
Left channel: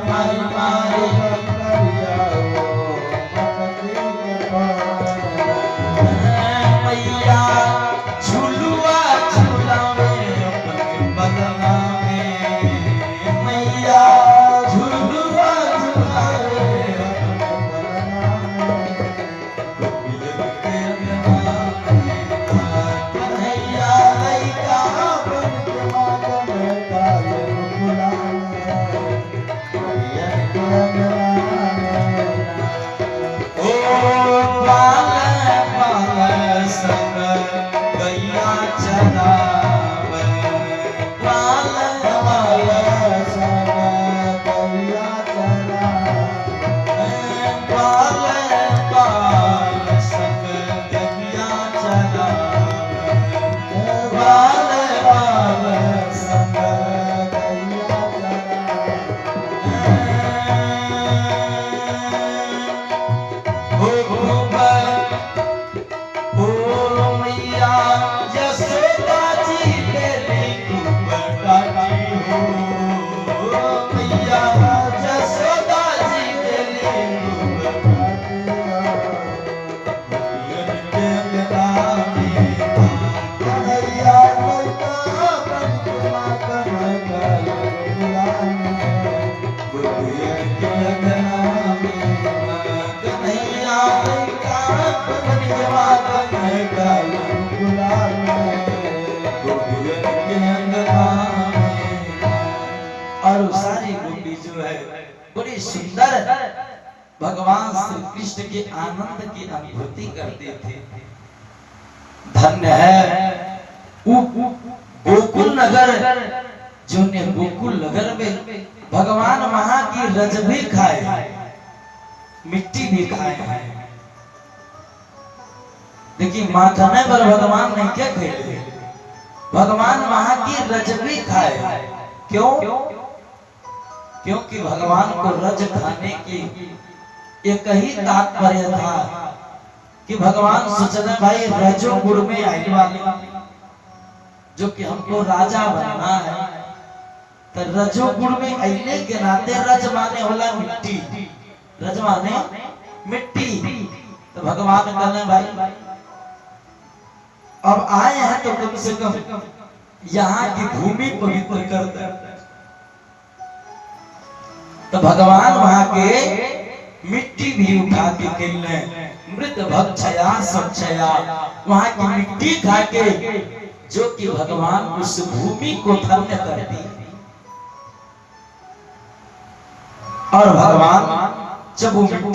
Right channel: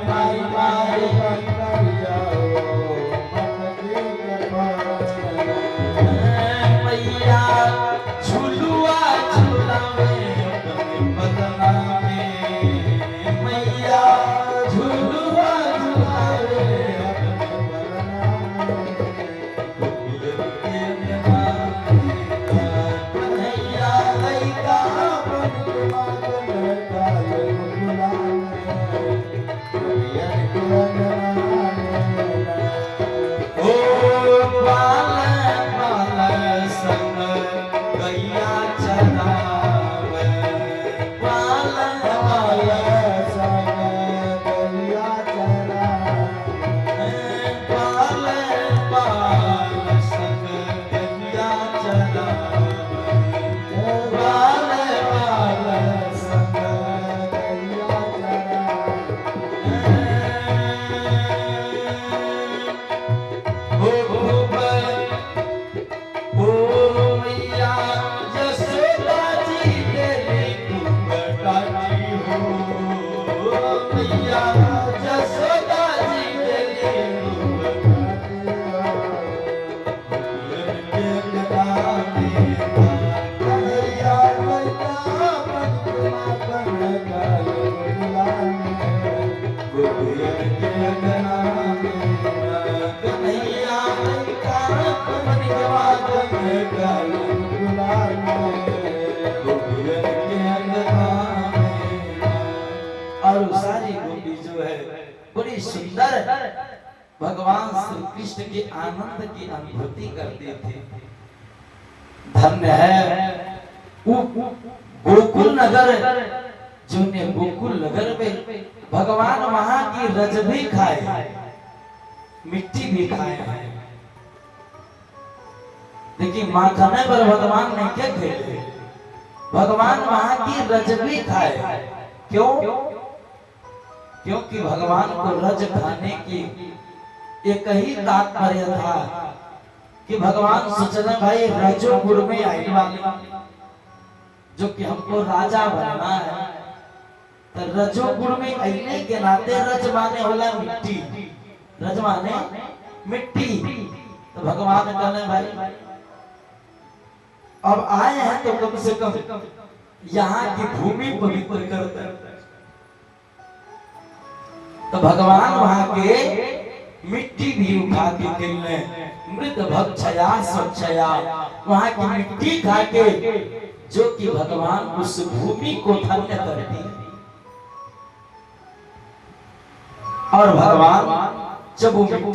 मारी मारी पकड़िया मटकी के फोरन। मैया झुलुआ झुलावे अपने बदला में, मैया झुलुआ चरावे ग्वाल बाल संग गैया चरावे ग्वाल बाल संग गैया चरावे ग्वाल बाल संग गैया और सारी गोपी जो है बड़ी सुंदर भगवान श्री कृष्ण के आनंद की अनुभूति करते थे। धन्य है गोकुल नगर, जो ने गोकुल नगर में भगवान वहां की रज भी खाए, मिट्टी भी खाए हैं। देखिए माखने पर भगवान नहीं क्या खेले, भगवान वहां की रज भी खाए। क्यों? क्योंकि भगवान को रज खाने की एक ही तात्पर्य था कि भगवान सोचते भाई रजो गुड़ में आई वाले जो कि हमको राजा बनना है, तो रजो गुड़ में आईने के नाते रज माने होला मिट्टी, रज माने मिट्टी। तो भगवान कहने भाई अब आए हैं तो कम से कम यहाँ की भूमि पवित्र करते हैं। तो भगवान वहां के मिट्टी भी उठा के खेलने मृत भक्षया स्वच्छया, वहां की मिट्टी खा के जो कि भगवान उस भूमि को धन्य करती। और भगवान जब वो मिट्टी